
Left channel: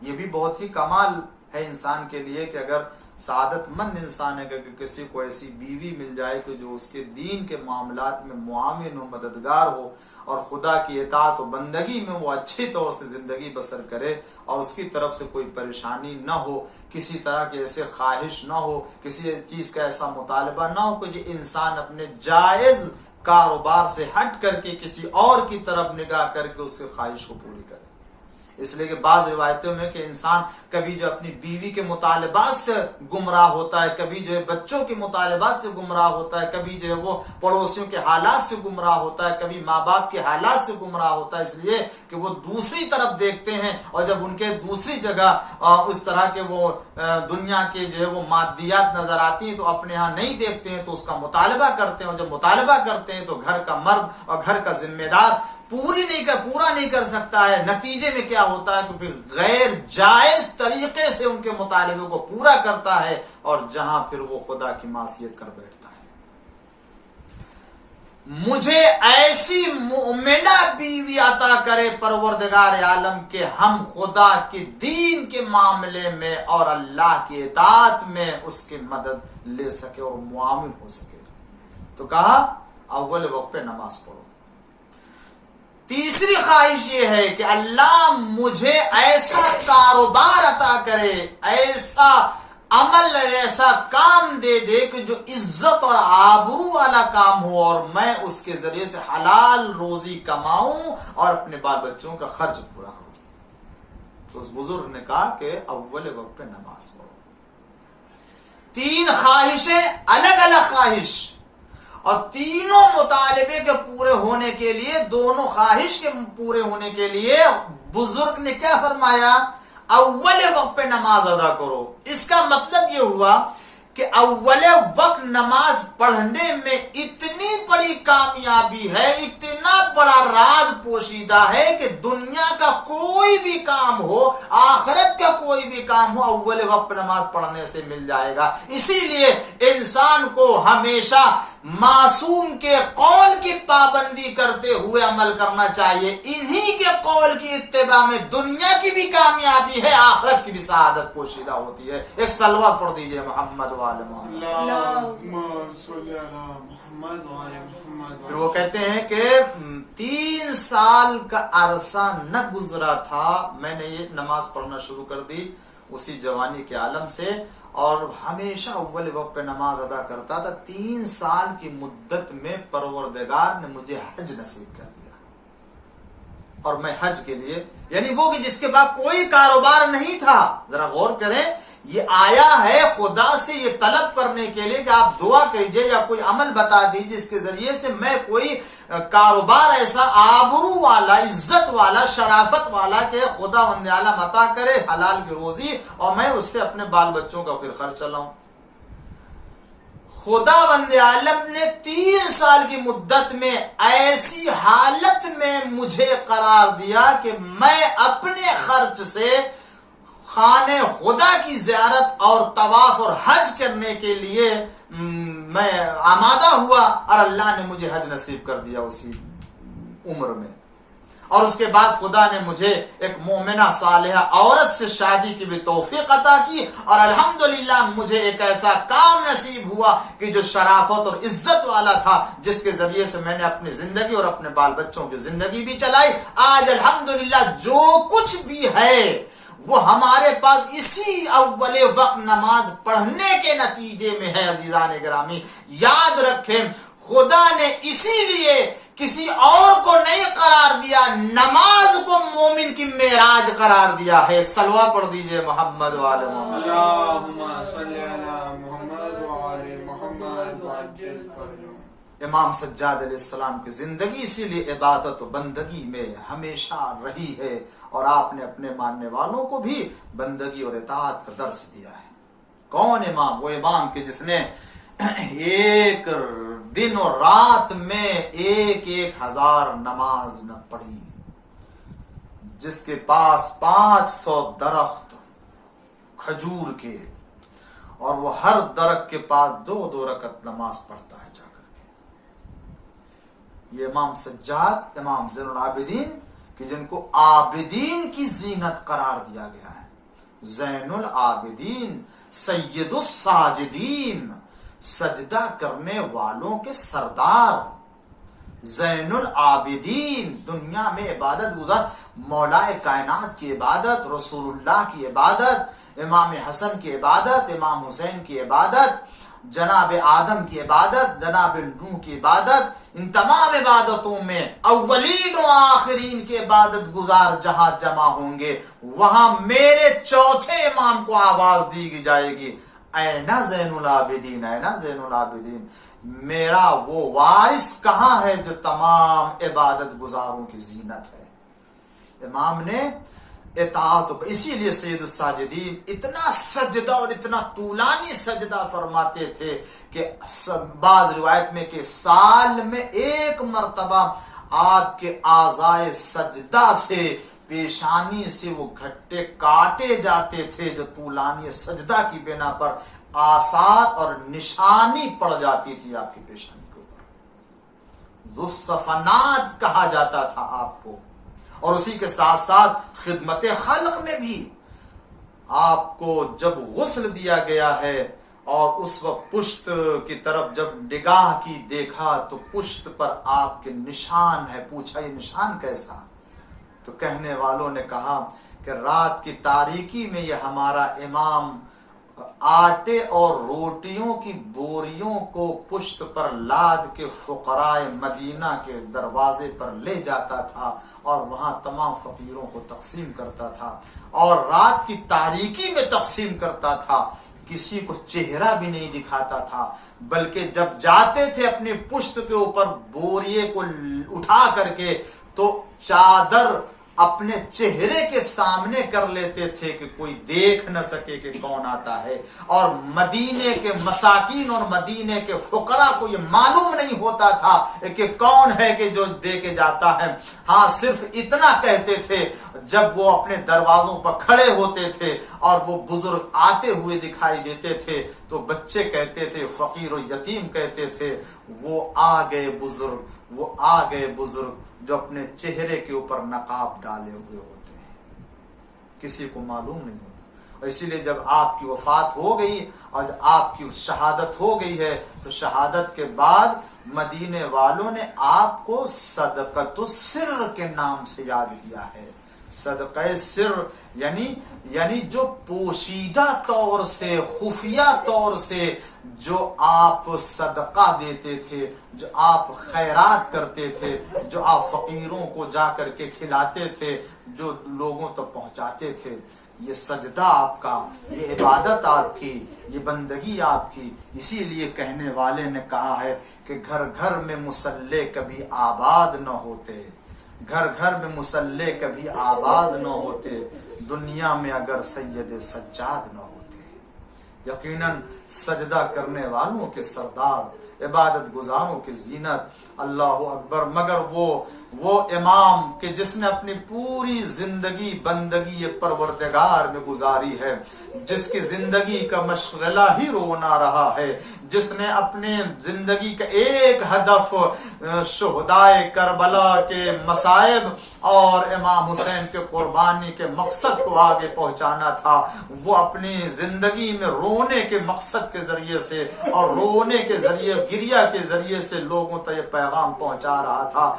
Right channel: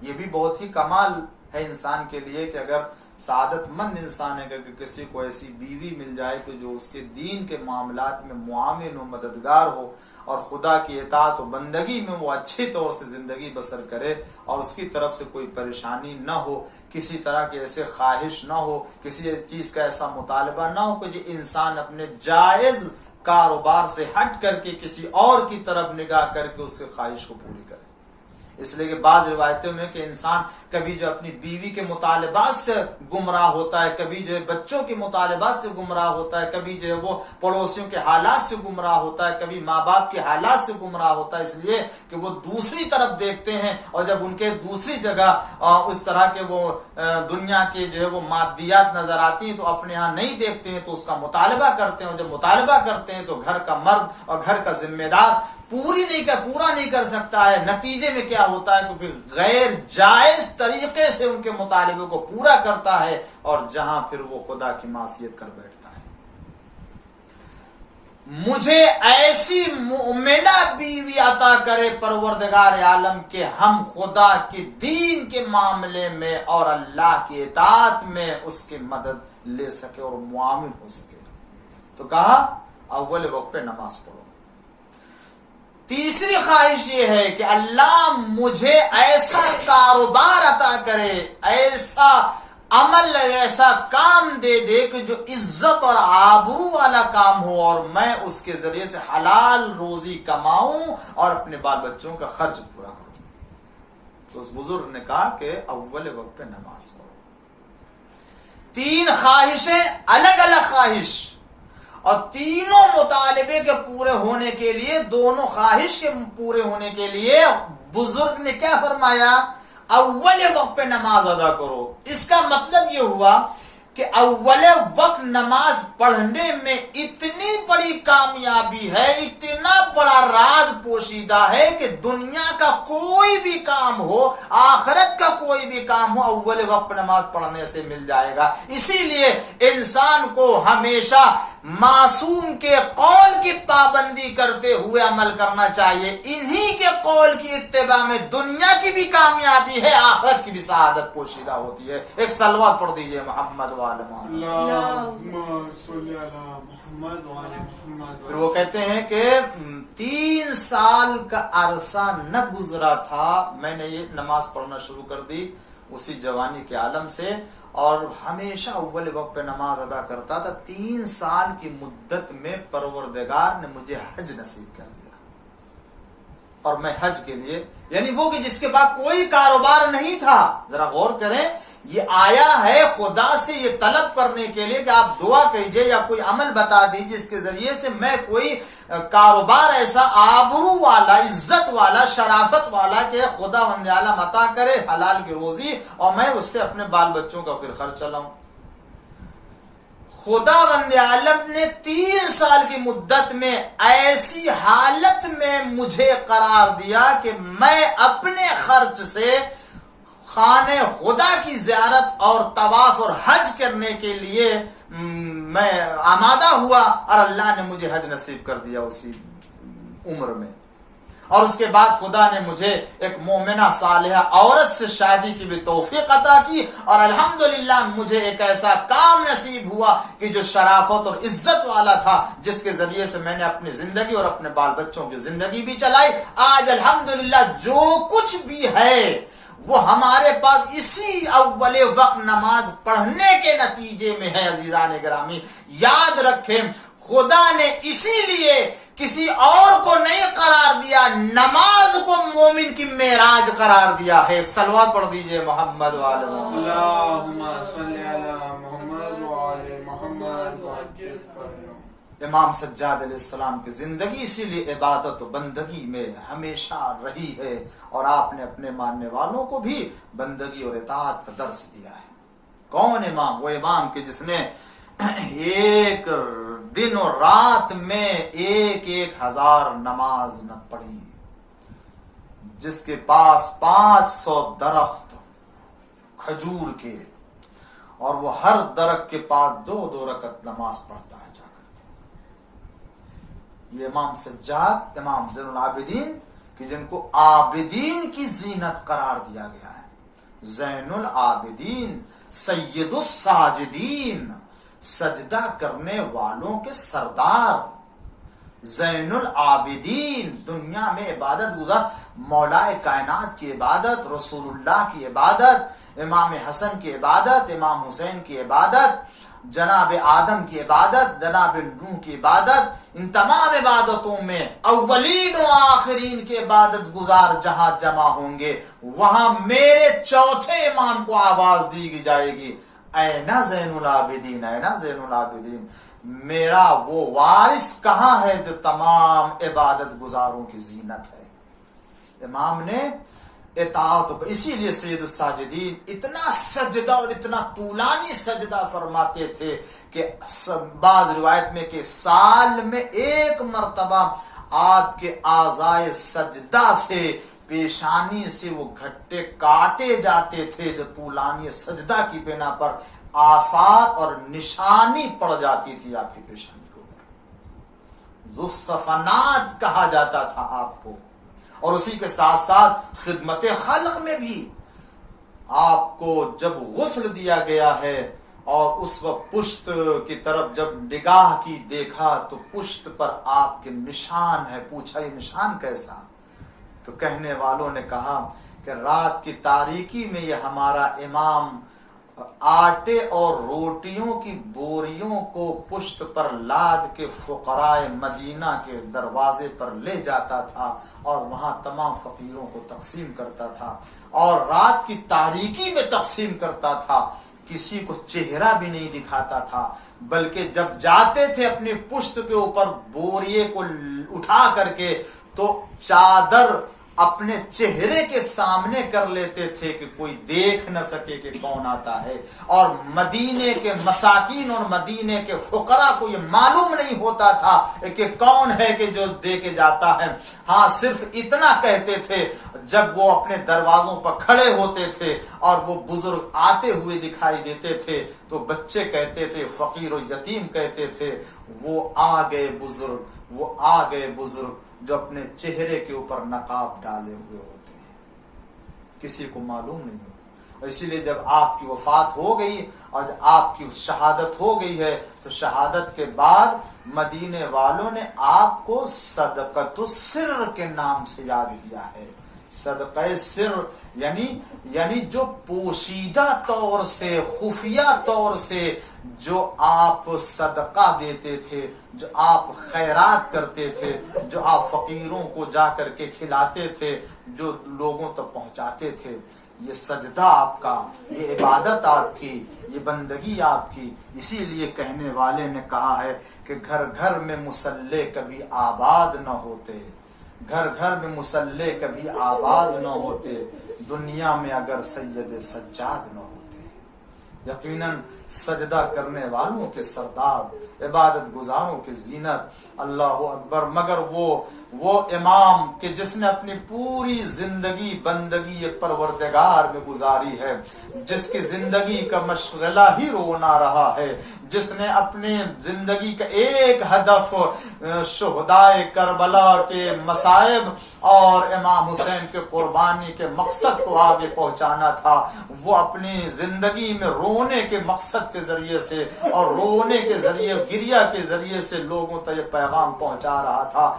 یہ بھی بہت ہی کمال ہے انسان کے لیے کہ اگر سعادت مند انسان ہے کہ کسی کو ایسی بیوی مل جائے کہ جو اس کے دین کے معاملات میں معاون ہو, مددگار ہو, اور خدا کی اطاعت و بندگی میں وہ اچھی طور سے زندگی بسر کرے, اور اس کی طرف سے کوئی پریشانی نہ ہو, کسی طرح کی ایسے خواہش نہ ہو, کسی چیز کا ایسا مطالبہ نہ ہو کہ جو انسان اپنے جائز کاروبار سے ہٹ کر کے کسی اور کی طرف نگاہ کر کے اس کی خواہش کو پوری کرے. اس لیے کہ بعض روایتوں میں کہ انسان کبھی جو اپنی بیوی کے مطالبات سے گمراہ ہوتا ہے, کبھی جو ہے بچوں کے مطالبات سے گمراہ ہوتا ہے, کبھی جو ہے وہ پڑوسیوں کے حالات سے گمراہ ہوتا ہے, کبھی ماں باپ کے حالات سے گمراہ ہوتا ہے, اس لیے کہ وہ دوسری طرف دیکھتے ہیں, اور جب ان کے دوسری جگہ اس طرح کے وہ دنیا کے جو ہے وہ مادیات نظر آتی ہیں تو اپنے ہاں نہیں دیکھتے ہیں, تو اس کا مطالبہ کرتے ہیں, اور جب مطالبہ کرتے ہیں تو گھر کا مرد اور گھر کا ذمہ دار پورا نہیں کر سکتا ہے. نتیجے میں کیا ہوتا ہے کہ پھر غیر جائز طریقے سے ان کے مطالبے کو پورا کرتا ہے, اور جہاں پھر وہ خدا کی معصیت کر بیٹھتا ہے. مجھے ایسی مومنہ بیوی عطا کرے پروردگار عالم کے ہم خدا کے دین کے معاملے میں اور اللہ کی اطاعت میں اس کی مدد لے سکے اور معاون ہو سکے. تو کہا اول وقت پہ نماز پڑھو. تیسری خواہش یہ ہے کہ اللہ مجھے ایسا کاروبار عطا کرے, ایسا عمل, ایسا کام دے دے کہ جو عزت اور آبرو والا کام ہو, اور میں اس کے ذریعے سے حلال روزی کماؤں اور اپنے بال بچوں کا خرچ پورا کروں. تو اس بزرگ نے کہا کہ اول وقت پہ نماز پڑھو. 3 خواہشیں, الگ الگ خواہش, اور تینوں مطالبے کے پورے ہونے کے لیے, دونوں خواہش کے پورے ہونے کے لیے بزرگ نے کیا فرمایا؟ اول وقت پہ نماز ادا کرو. اس کا مطلب یہ ہوا کہ اول وقت نماز پڑھنے میں اتنی بڑی کامیابی ہے, اتنا بڑا راز پوشیدہ ہے کہ دنیا کا کوئی بھی کام ہو, آخرت کا کوئی بھی کام ہو, اول وقت نماز پڑھنے سے مل جائے گا. اسی لیے انسان کو ہمیشہ معصوم کے قول کی پابندی کرتے ہوئے عمل کرنا چاہیے. انہی کے قول کی اتباع میں دنیا کی بھی کامیابی ہے, آخرت کی بھی سعادت پوشیدہ ہوتی ہے. ایک صلوات پڑھ دیجئے محمد پھر وہ کہتے ہیں کہ 3 سال کا عرصہ نہ گزرا تھا, میں نے یہ نماز پڑھنا شروع کر دی, اسی جوانی کے عالم سے، اور ہمیشہ اول وقت پہ نماز ادا کرتا تھا۔ 3 سال کی مدت میں پروردگار نے مجھے حج نصیب کر دیا، اور میں حج کے لیے، یعنی وہ کہ جس کے بعد کوئی کاروبار نہیں تھا، ذرا غور کریں، یہ آیا ہے خدا سے یہ طلب کرنے کے لیے کہ آپ دعا کیجئے یا کوئی عمل بتا دیجئے جس کے ذریعے سے میں کوئی کاروبار ایسا آبرو والا، عزت والا، شرافت والا کہ خدا وند عالم عطا کرے حلال کی روزی، اور میں اس سے اپنے بال بچوں کا پھر خرچ چلاؤں۔ خدا وند عالم نے 3 سال کی مدت میں ایسی حالت میں مجھے قرار دیا کہ میں اپنے خرچ سے خانہ خدا کی زیارت اور طواف اور حج کرنے کے لیے میں آمادہ ہوا، اور اللہ نے مجھے حج نصیب کر دیا اسی عمر میں۔ اور اس کے بعد خدا نے مجھے ایک مومنہ صالحہ عورت سے شادی کی بھی توفیق عطا کی، اور الحمدللہ مجھے ایک ایسا کام نصیب ہوا کہ جو شرافت اور عزت والا تھا، جس کے ذریعے سے میں نے اپنی زندگی اور اپنے بال بچوں کی زندگی بھی چلائی۔ آج الحمدللہ جو کچھ بھی ہے وہ ہمارے پاس اسی اول وقت نماز پڑھنے کے نتیجے میں ہے۔ عزیزان گرامی یاد رکھیں، خدا نے اسی لیے کسی اور کو نہیں قرار دیا، نماز کو مومن کی معراج قرار دیا ہے۔ صلوات پڑھ دیجئے محمد وآل محمد۔ اللہم صلی علی محمد وآل محمد وعجل فرجهم۔ امام سجاد علیہ السلام کی زندگی اسی لیے عبادت و بندگی میں ہمیشہ رہی ہے، اور آپ نے اپنے ماننے والوں کو بھی بندگی اور اطاعت کا درس دیا ہے۔ کون امام؟ وہ امام کہ جس نے ایک دن اور رات میں 1,000 نماز نہ پڑھی، جس کے پاس 500 درخت کھجور کے، اور وہ ہر درخت کے پاس 2 رکعت نماز پڑھتا ہے جا کر کے۔ یہ امام سجاد، امام زین العابدین کہ جن کو عابدین کی زینت قرار دیا گیا ہے، زین العابدین، سید الساجدین، سجدہ کرنے والوں کے سردار، زین العابدین، دنیا میں عبادت گزار، مولا کائنات کی عبادت، رسول اللہ کی عبادت، امام حسن کی عبادت، امام حسین کی عبادت، جناب آدم کی عبادت، جناب نوح کی عبادت، ان تمام عبادتوں میں اولین و آخرین کے عبادت گزار جہاں جمع ہوں گے، وہاں میرے چوتھے امام کو آواز دی جائے گی، اینا زین العابدین، اینا زین العابدین، میرا وہ وارث کہاں ہے جو تمام عبادت گزاروں کی زینت ہے۔ امام نے اطاعت، اسی لیے سید الساجدین اتنا سجدہ اور اتنا طولانی سجدہ فرماتے تھے کہ بعض روایت میں کہ سال میں 1 مرتبہ آپ کے اعضائے سجدہ سے، پیشانی سے وہ گھٹے کاٹے جاتے تھے جو طولانی سجدہ کی بنا پر آثار اور نشانی پڑ جاتی تھی آپ کی پیشانی کے اوپر۔ ذو الصفنات کہا جاتا تھا آپ کو۔ اور اسی کے ساتھ ساتھ خدمت خلق میں بھی آپ کو جب غسل دیا گیا ہے، اور اس وقت پشت کی طرف جب نگاہ کی دیکھا تو پشت پر آپ کے نشان ہے۔ پوچھا یہ نشان کیسا؟ تو کہنے والوں نے کہا کہ رات کی تاریکی میں یہ ہمارا امام آٹے اور روٹیوں کی بوریوں کو پشت پر لاد کے فقراء مدینہ کے دروازے پر لے جاتا تھا، اور وہاں تمام فقیروں کو تقسیم کرتا تھا، اور رات کی تاریکی میں تقسیم کرتا تھا، کسی کو چہرہ بھی نہیں دکھاتا تھا، بلکہ جب جاتے تھے اپنی پشت کے اوپر بوریے کو اٹھا کر کے تو چادر اپنے چہرے کے سامنے کر لیتے تھے کہ کوئی دیکھ نہ سکے کہ کون آتا ہے، اور مدینے کے مساکین اور مدینے کے فقراء کو یہ معلوم نہیں ہوتا تھا کہ کون ہے کہ جو دے کے جاتا ہے۔ ہاں صرف اتنا کہتے تھے جب وہ اپنے دروازوں پر کھڑے ہوتے تھے اور وہ بزرگ آتے ہوئے دکھائی دیتے تھے تو بچے کہتے تھے، فقیر و یتیم کہتے تھے، وہ آ گئے بزرگ، وہ آ گئے بزرگ جو اپنے چہرے کے اوپر نقاب ڈالے ہوئے ہوتے ہیں، کسی کو معلوم نہیں ہوتا۔ اور اسی لیے جب آپ کی وفات ہو گئی اور جب آپ کی شہادت ہو گئی ہے تو شہادت کے بعد مدینے والوں نے آپ کو صدقۃ السر کے نام سے یاد کیا ہے صدقہ سر یعنی جو پوشیدہ طور سے خفیہ طور سے جو آپ صدقہ دیتے تھے، جو آپ خیرات کرتے تھے، جو آپ فقیروں کو جا کر کے کھلاتے تھے، جو لوگوں تک پہنچاتے تھے، یہ سجدہ آپ کا، یہ عبادت آپ کی، یہ بندگی آپ کی. اسی لیے کہنے والے نے کہا ہے کہ گھر گھر میں مصلی کبھی آباد نہ ہوتے، گھر گھر میں مصلی کبھی آباد نہ ہوتے، دنیا میں اگر سید سجاد نہ ہوتے. یقیناً سجدہ کرنے والوں کے سردار، عبادت گزاروں کی زینت، اللہ اکبر. مگر وہ امام کہ جس نے اپنی پوری زندگی بندگی پروردگار میں گزاری ہے، جس کی زندگی کا مشغلہ ہی رونا رہا ہے، جس نے اپنے زندگی کا ایک ہدف شہدائے کربلا کے مصائب اور امام حسین کے قربانی کے مقصد کو آگے پہنچانا تھا، وہ اپنی زندگی میں رونے کے مقصد کے ذریعے سے اور رونے کے ذریعے، گریہ کے ذریعے سے لوگوں تک یہ پیغام پہنچا رہا تھا.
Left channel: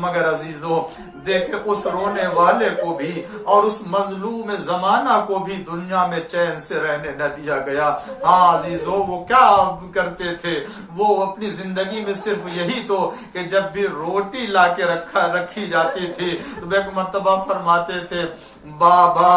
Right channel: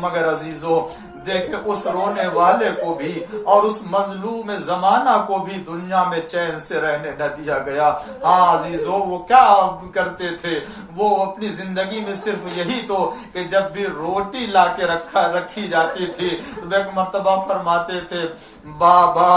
مگر عزیزو دیکھیں اس رونے والے کو بھی اور اس مظلوم زمانہ کو بھی دنیا میں چین سے رہنے نہ دیا گیا. ہاں عزیزو، وہ کیا کرتے تھے؟ وہ اپنی زندگی میں صرف یہی تو کہ جب بھی روٹی لا کے رکھی جاتی تھی تو ایک مرتبہ فرماتے تھے، بابا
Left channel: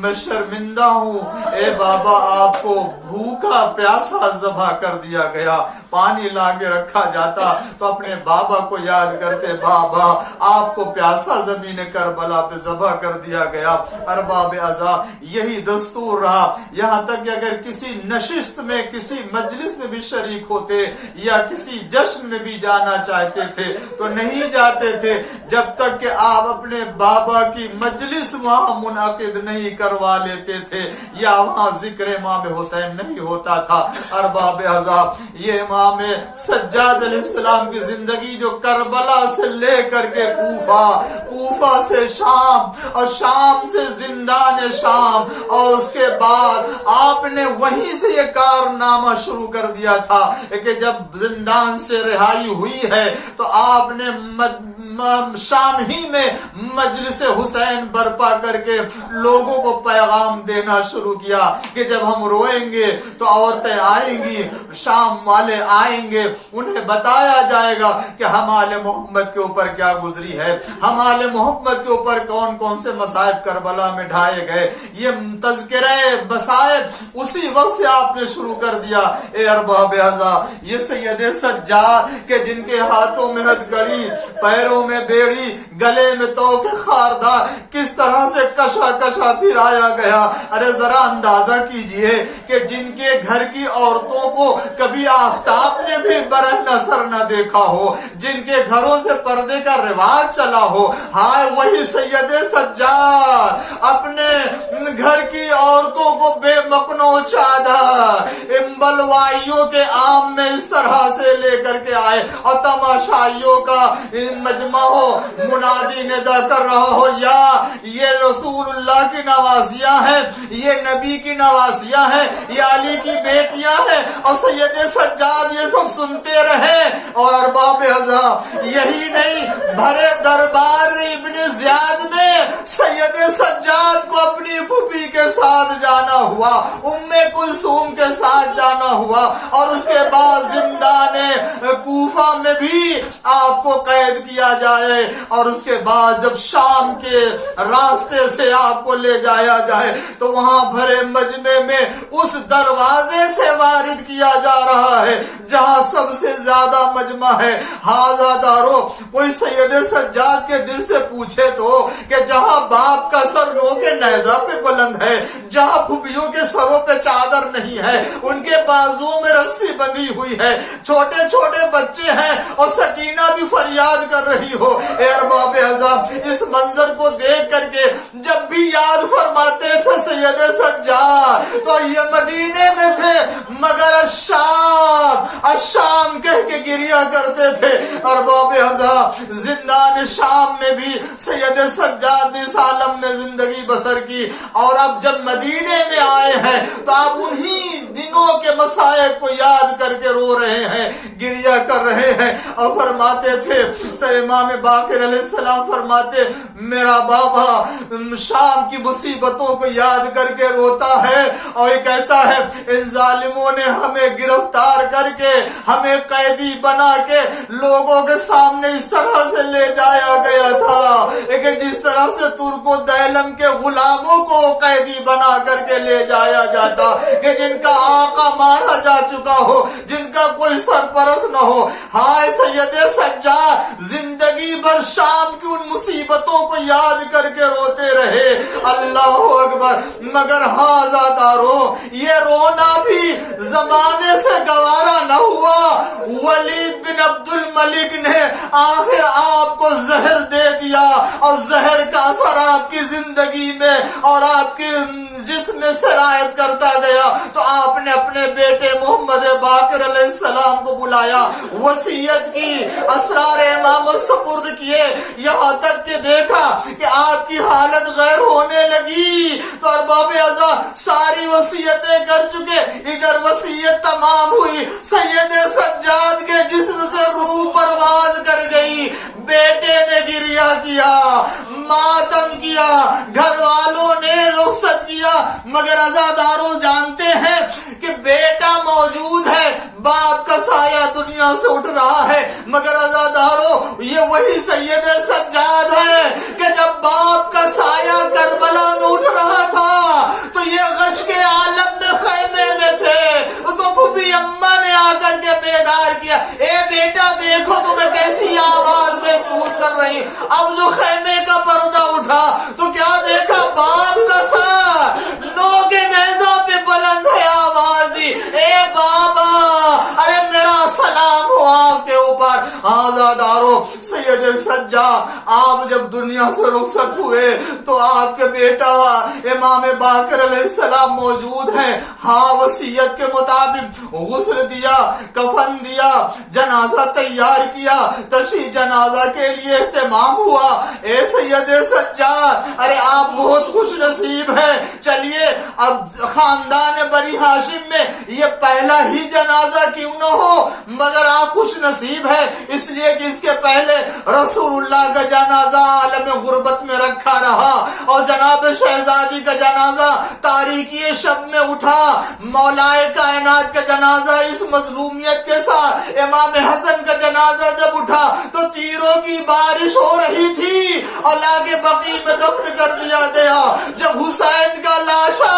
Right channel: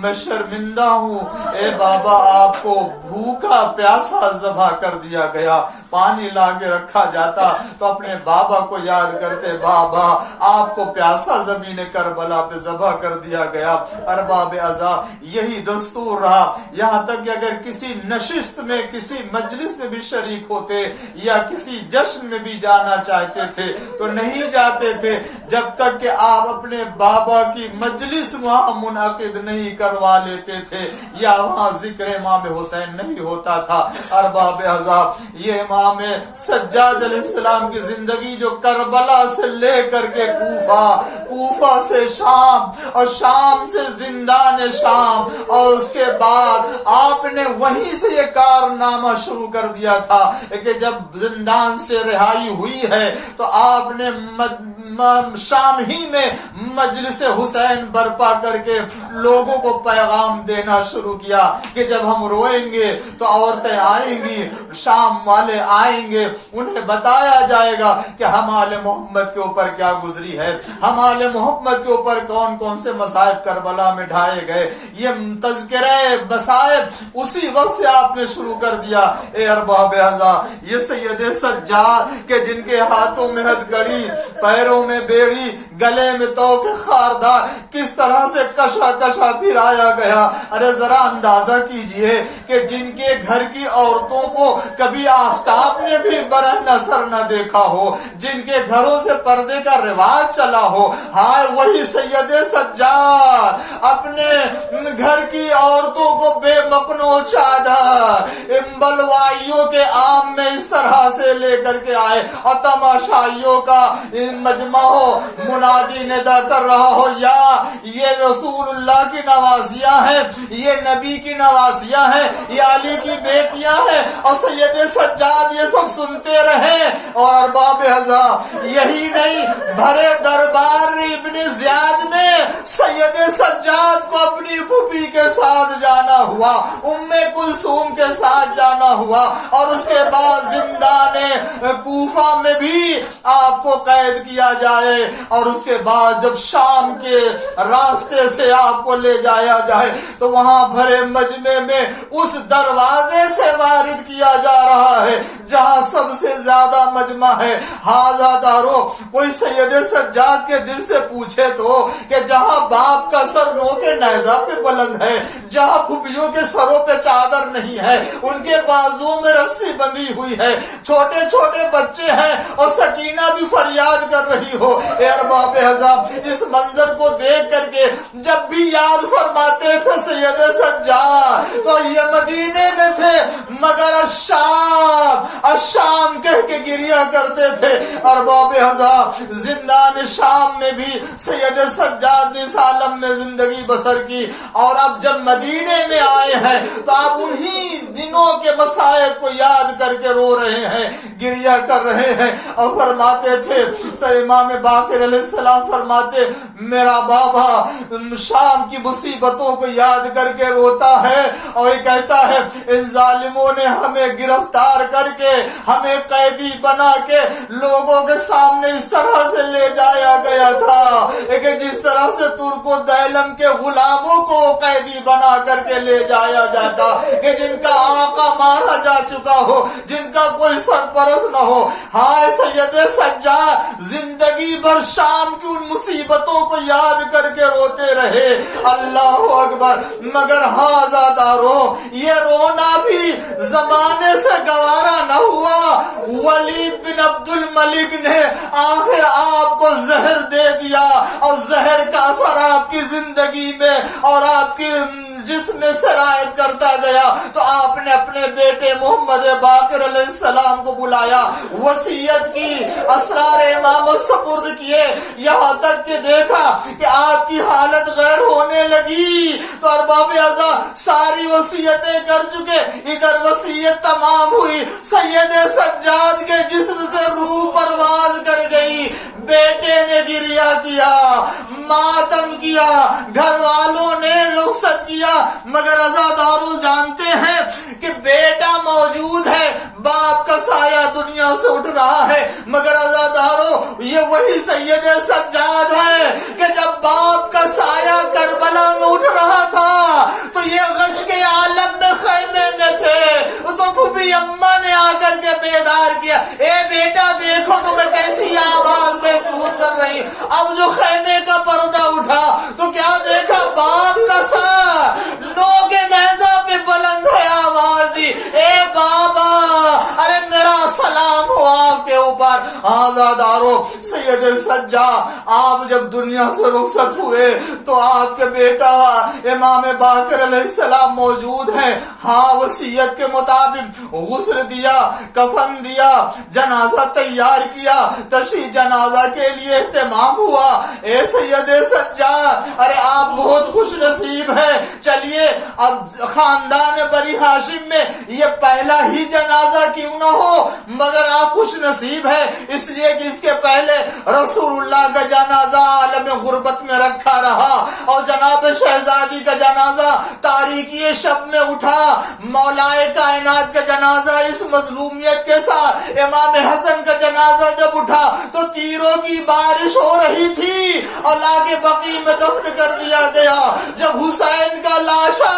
میں شرمندہ ہوں، اے بابا آپ کو بھوکا پیاسا ذبح کر دیا گیا. پانی لا کے رکھا جاتا تو اپنے بابا کو یاد کرتے، بابا آپ کو پیاسا زمین کربلا پہ ذبح کر دیا گیا. ارباب عزا یہی دستور رہا، یہاں تک کہ اگر کسی نشست میں، کسی مجلس میں بھی شریک ہوتے یا کسی جشن میں بھی جانا چاہتے تھے تو نہیں جاتے تھے جب تک کہ آپ اپنے بابا کی مجلس وہاں منعقد نہیں کروا لیتے تھے یا وہاں ذکر امام حسین نہیں ہوتا تھا. ارباب عزا یہ امام سجاد علیہ السلام کی زندگی جو کربلا سے لے کر کے کوفہ سے شام اور شام سے زندان شام اور اس کے بعد آپ نے وہیں سے یہ کارنامہ شروع کر دیا تھا کہ جب زندان سے رہائی ہوئی ہے تو آپ نے شام ہی میں مجلس حسین برپا کر کے لوگوں کو پیغام دینا شروع کیا کہ جب ہم روئیں گے تو عورتیں آئیں گی، شام والے آئیں گے، انہیں بتایا جائے گا کہ ہم آل محمد کے اوپر کیا گزری ہے، ہم آل محمد کے اوپر کون کون سے مصائب کربلا میں ڈھائے گئے. یہ تذکرہ مصائب اسی وقت سے آپ نے شروع کر دیا. اے ارباب عزا یہ سید سجاد کہ جن کے ہاتھوں میں ہتھکڑی، پیروں میں بیڑی، گلے میں توق خاردار کس طرح سے کشا پھرایا گیا. ارے ذرا اندازہ کیجئے کہ جن کے گھر کی عورتوں کو کبھی آفتاب نے بھی برہنہ سر نہ دیکھا ہو، جن کے گھروں سے پردے کا رواج چلا ہو، ہائے وہی سید سجاد اپنے گھر کی عورتوں کو بے مکنو چادر امبلوائیوں کے عام میں اس طرح سے لے کر کے آئے اور تماشائیوں کا مجمع ہو، منادی ندا کر رہا ہو، یا یہ رسول اللہ کی نوازیاں ہیں، یہ نبی کی نوازیاں ہیں، یہ علی کی بیٹیاں ہیں، اور سید سجاد یہ سب سنتے رہے. اور ارباب عزا یہی نہیں، بھرے دربار ابن زیاد میں سید سجاد کو اپنی پھوپھی کے ساتھ جانا ہوا، ام کلثوم کے ساتھ جانا ہوا، اور اس کے بعد زندان کوفہ میں بھی آپ کو قید کیا جائے، اور اس کے بعد جب شام کے راستے سے آپ کو لے جایا جائے تو وہاں بھرے مجمع میں اس دروازے سے وارد کیا جا رہا ہے جہاں سب سے زیادہ مجمع ہے. ہاذا دارو کوئی سید سجاد کے دل سے پوچھے تو کہ جہاں باپ کا سر نو کے نیزہ پہ بلند ہے، جہاں پھوپھیوں کے سروں پہ چادر نہیں ہے، ان کے بازوؤں میں رسی بندھی ہوئی ہے، چھوٹے چھوٹے بچے ہیں اور سکینہ بھی فریاد کر رہی ہو. اے ارباب عزا اس منظر کو دیکھ کر کے جب بھی یاد فرماتے تھے سید سجاد تو یہ مدینے میں تھے، مگر الشام کہہ کے گریا کرتے تھے۔ ارباب ہزار زندان شام میں بھی سید سجاد اس عالم نے زندگی بسر کی، اور اب جب مدینے میں آئے ہیں تو آپ انہی دنوں کے مصائب کو یاد کر کے رو رہے ہیں، گریا کر رہے ہیں، اور فرماتے تھے امام باقر علیہ السلام فرماتے میرا بابا شام کی مصیبتوں کو یاد کر کے روتا ہے، اور یہ کہتا ہے ان ظالموں نے ہمیں گرفتار کر کے ہمیں قیدی بنا کے لوگوں کے سامنے اس طرح سے لے جایا گیا تھا کہ جس طرح سے ترک و دیلم کے غلاموں کو قیدی بنا کر کے لے جایا جاتا، کہ جن کا آقا مارا جا چکا ہو، جن کا کوئی سرپرست نہ ہو۔ ہائے سید سجاد زندگی بھر شام کی ان مصیبتوں کو یاد کر کے روتے رہے، اللہ اکبر۔ مگر ہاں زادارو یہ رونا بھی زمانے سے گوارا نہ ہوا۔ ولید بن عبد الملک نے آخر آپ کو زہر دے دیا، اور زہر کا اثر آپ کی زندگی میں اور آپ کی جسم میں سرایت کرتا گیا، تو آپ نے اپنے بیٹے محمد باقر علیہ السلام کو بلایا، وصیت کی، اسرار امام سپرد کیے، یہاں تک کہ دیکھا کہ آپ کی حالت غیر ہونے لگی تو ارباب اعضا ساری وصیتیں کر چکے، ادھر وصیت تمام ہوئی، سید سجاد کے جسم سے روح پرواز کر گئی، بیٹے نے گریا کیا، ماتم کیا، گھر والوں نے رخصت کیا، مگر عزادارو جانتے ہیں کہ بیٹا موجود ہے، باپ کا سایہ دنیا سے اٹھ رہا ہے، مگر عزادارو یہ وہی سید سجاد ہے کہ جب باپ کا سایہ کربلا میں اٹھ رہا تھا تو یہ غش کے عالم میں خیمے میں تھے، تو پھوپھی اماں نے آ کر کے بیدار کیا، اے بیٹا دیکھو تمہیں کیسی آواز محسوس کر رہی۔ اب جو خیمے کا پردہ اٹھا تو کیا دیکھا، باپ کا سایہ لو کے نیزہ پہ بلند ہے، آواز دی، اے بابا، ارے میرا سلام ہو آپ کے اوپر۔ آزادارو سید سجاد آپ جب دنیا سے رخصت ہوئے تو آپ کے بیٹا امام باقر علیہ السلام موجود ہیں، ہاں وصیت کے مطابق غسل دیا، کفن دیا، جنازہ تیار کیا، تشییع جنازہ کے لیے اہتمام ہوا۔ اے سید سجاد ارے آپ بہت خوش نصیب ہیں، چلیے اب خاندان بنی ہاشم میں یہ پہلا ہی جنازہ کیوں نہ ہو، مگر آپ خوش نصیب ہیں اس لیے کہ اس کے پہلے رسول اللہ کا جنازہ عالم غربت میں رکھا رہا، اور جناب شہزادی کا جنازہ تاریکی شب میں اٹھا، مولائے کائنات کا جنازہ اس مظلومیت کے ساتھ، امام حسن کا جنازہ جب اٹھا تو تیروں کی بارش ہو رہی تھی اور لا کے بقیع میں دفن کر دیا گیا۔ جب حسین کا لاشا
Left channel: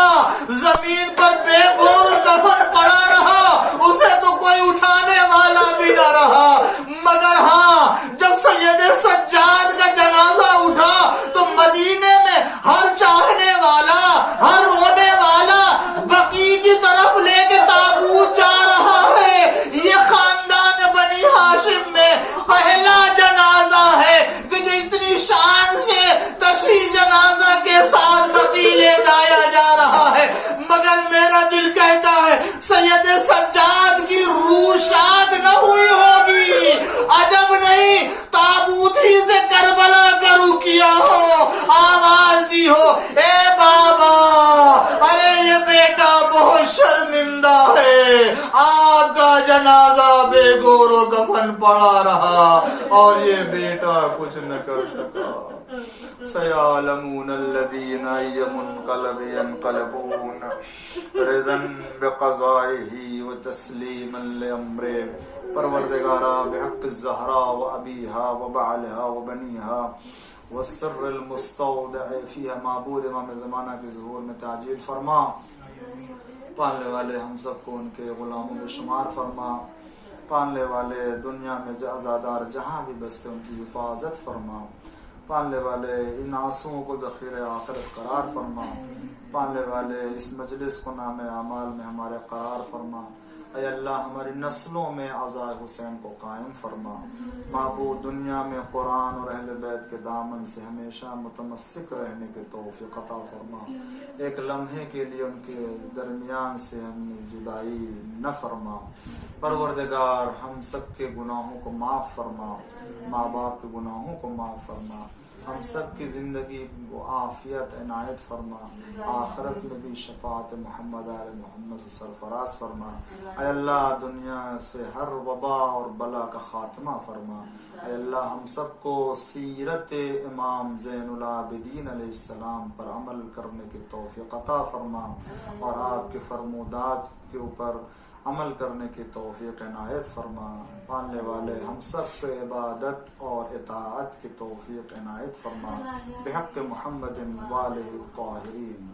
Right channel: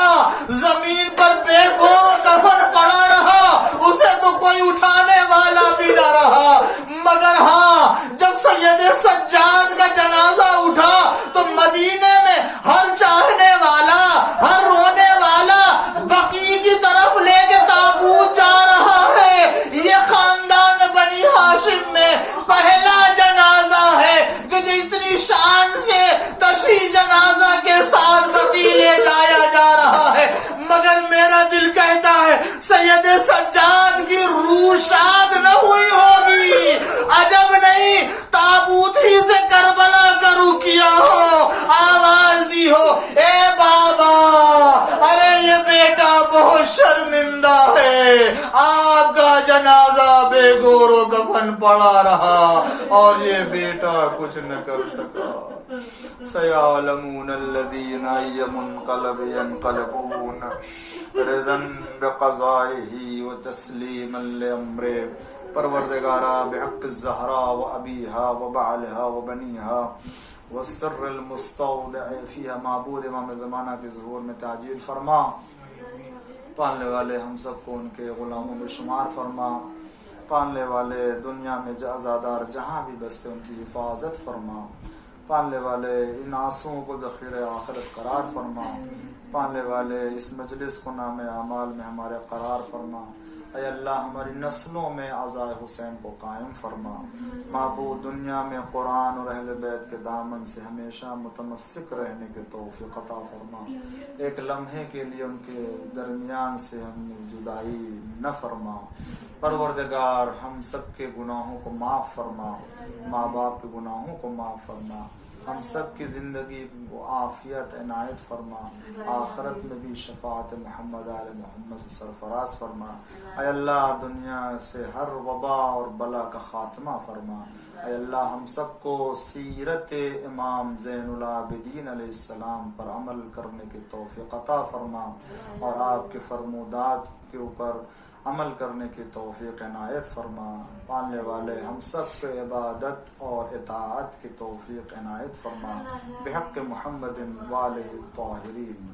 زمین پر بے گور کفن پڑا رہا اسے تو کوئی اٹھانے والا بھی نہ رہا، مگر ہاں جب سید سجاد کا جنازہ اٹھا تو مدینے میں ہر چاہنے والا، ہر رونے والا بقیع کی طرف لے کے تابوت جا رہا ہے۔ یہ خاندان بنی ہاشم میں پہلا جنازہ ہے کہ جو اتنی شان سے تشییع جنازہ کے ساتھ بقیع لے جایا جا رہا ہے، مگر میرا دل کہتا ہے سید سجاد کی روح شاد نہ ہوئی ہوگی، عجب نہیں تابوت ہی سے کربلا کا رخ کیا ہو، آواز دی ہو، اے بابا ارے یہ بیٹا بہت شرمندہ ہے، آپ کا جنازہ بے گور و کفن پڑا رہا اور یہ بیٹا کچھ نہ کر سکا۔ سيعلمون الذين أي منقلب ينقلبون رضا بقضائه وتسليما لأمره۔ پروردگارا بحق الزہرا و ابیہا و بعلہا و بنیہا والسر المستودع فیہا، معبود امام زمانہ کے ظہور میں تعجیل فرما، پالنے والے ہم سب کو ان کے غلاموں میں شمار فرما، پالنے والے دنیا میں جو آزادار جہاں بھی بستے ان کی حفاظت فرما، پالنے والے ان آنسوؤں کو ذخیرہ آخرت قرار فرما، پالنے والے اس مجلس کو نام اعمال میں ہمارے قرار فرما، اے اللہ ہماری نسلوں میں عزائے حسین کو قائم فرما. معبود دنیا میں قرآن اور اہل بیت کے دامن سے ہمیشہ متمسک رہنے کے توفیق عطا فرما. ایک لمحے کے لیے ان کے درمیان سے ہم جدائی نہ فرما. پروردگار ہم سب کے گناہوں کو معاف فرما، ماں باپ کے گناہوں کو معاف فرما، ہم سب کی زندگی کو عافیت عنایت فرما، آخرت میں بھی شفاعت محمد آل محمد سے سرفراز فرما. اے اللہ دنیا سے ہر وبا اور بلا کا خاتمہ فرما. اے اللہ ہم سب کو سیرت امام زین العابدین علیہ السلام پر عمل کرنے کی توفیق عطا فرما، اور آپ کے فرمودات کے اوپر عمل کرنے کی توفیق عنایت فرما. پالنے والے ہم سب کو عبادت اور اطاعت کی توفیق عنایت فرما. بحق محمد والہ الطاہرین.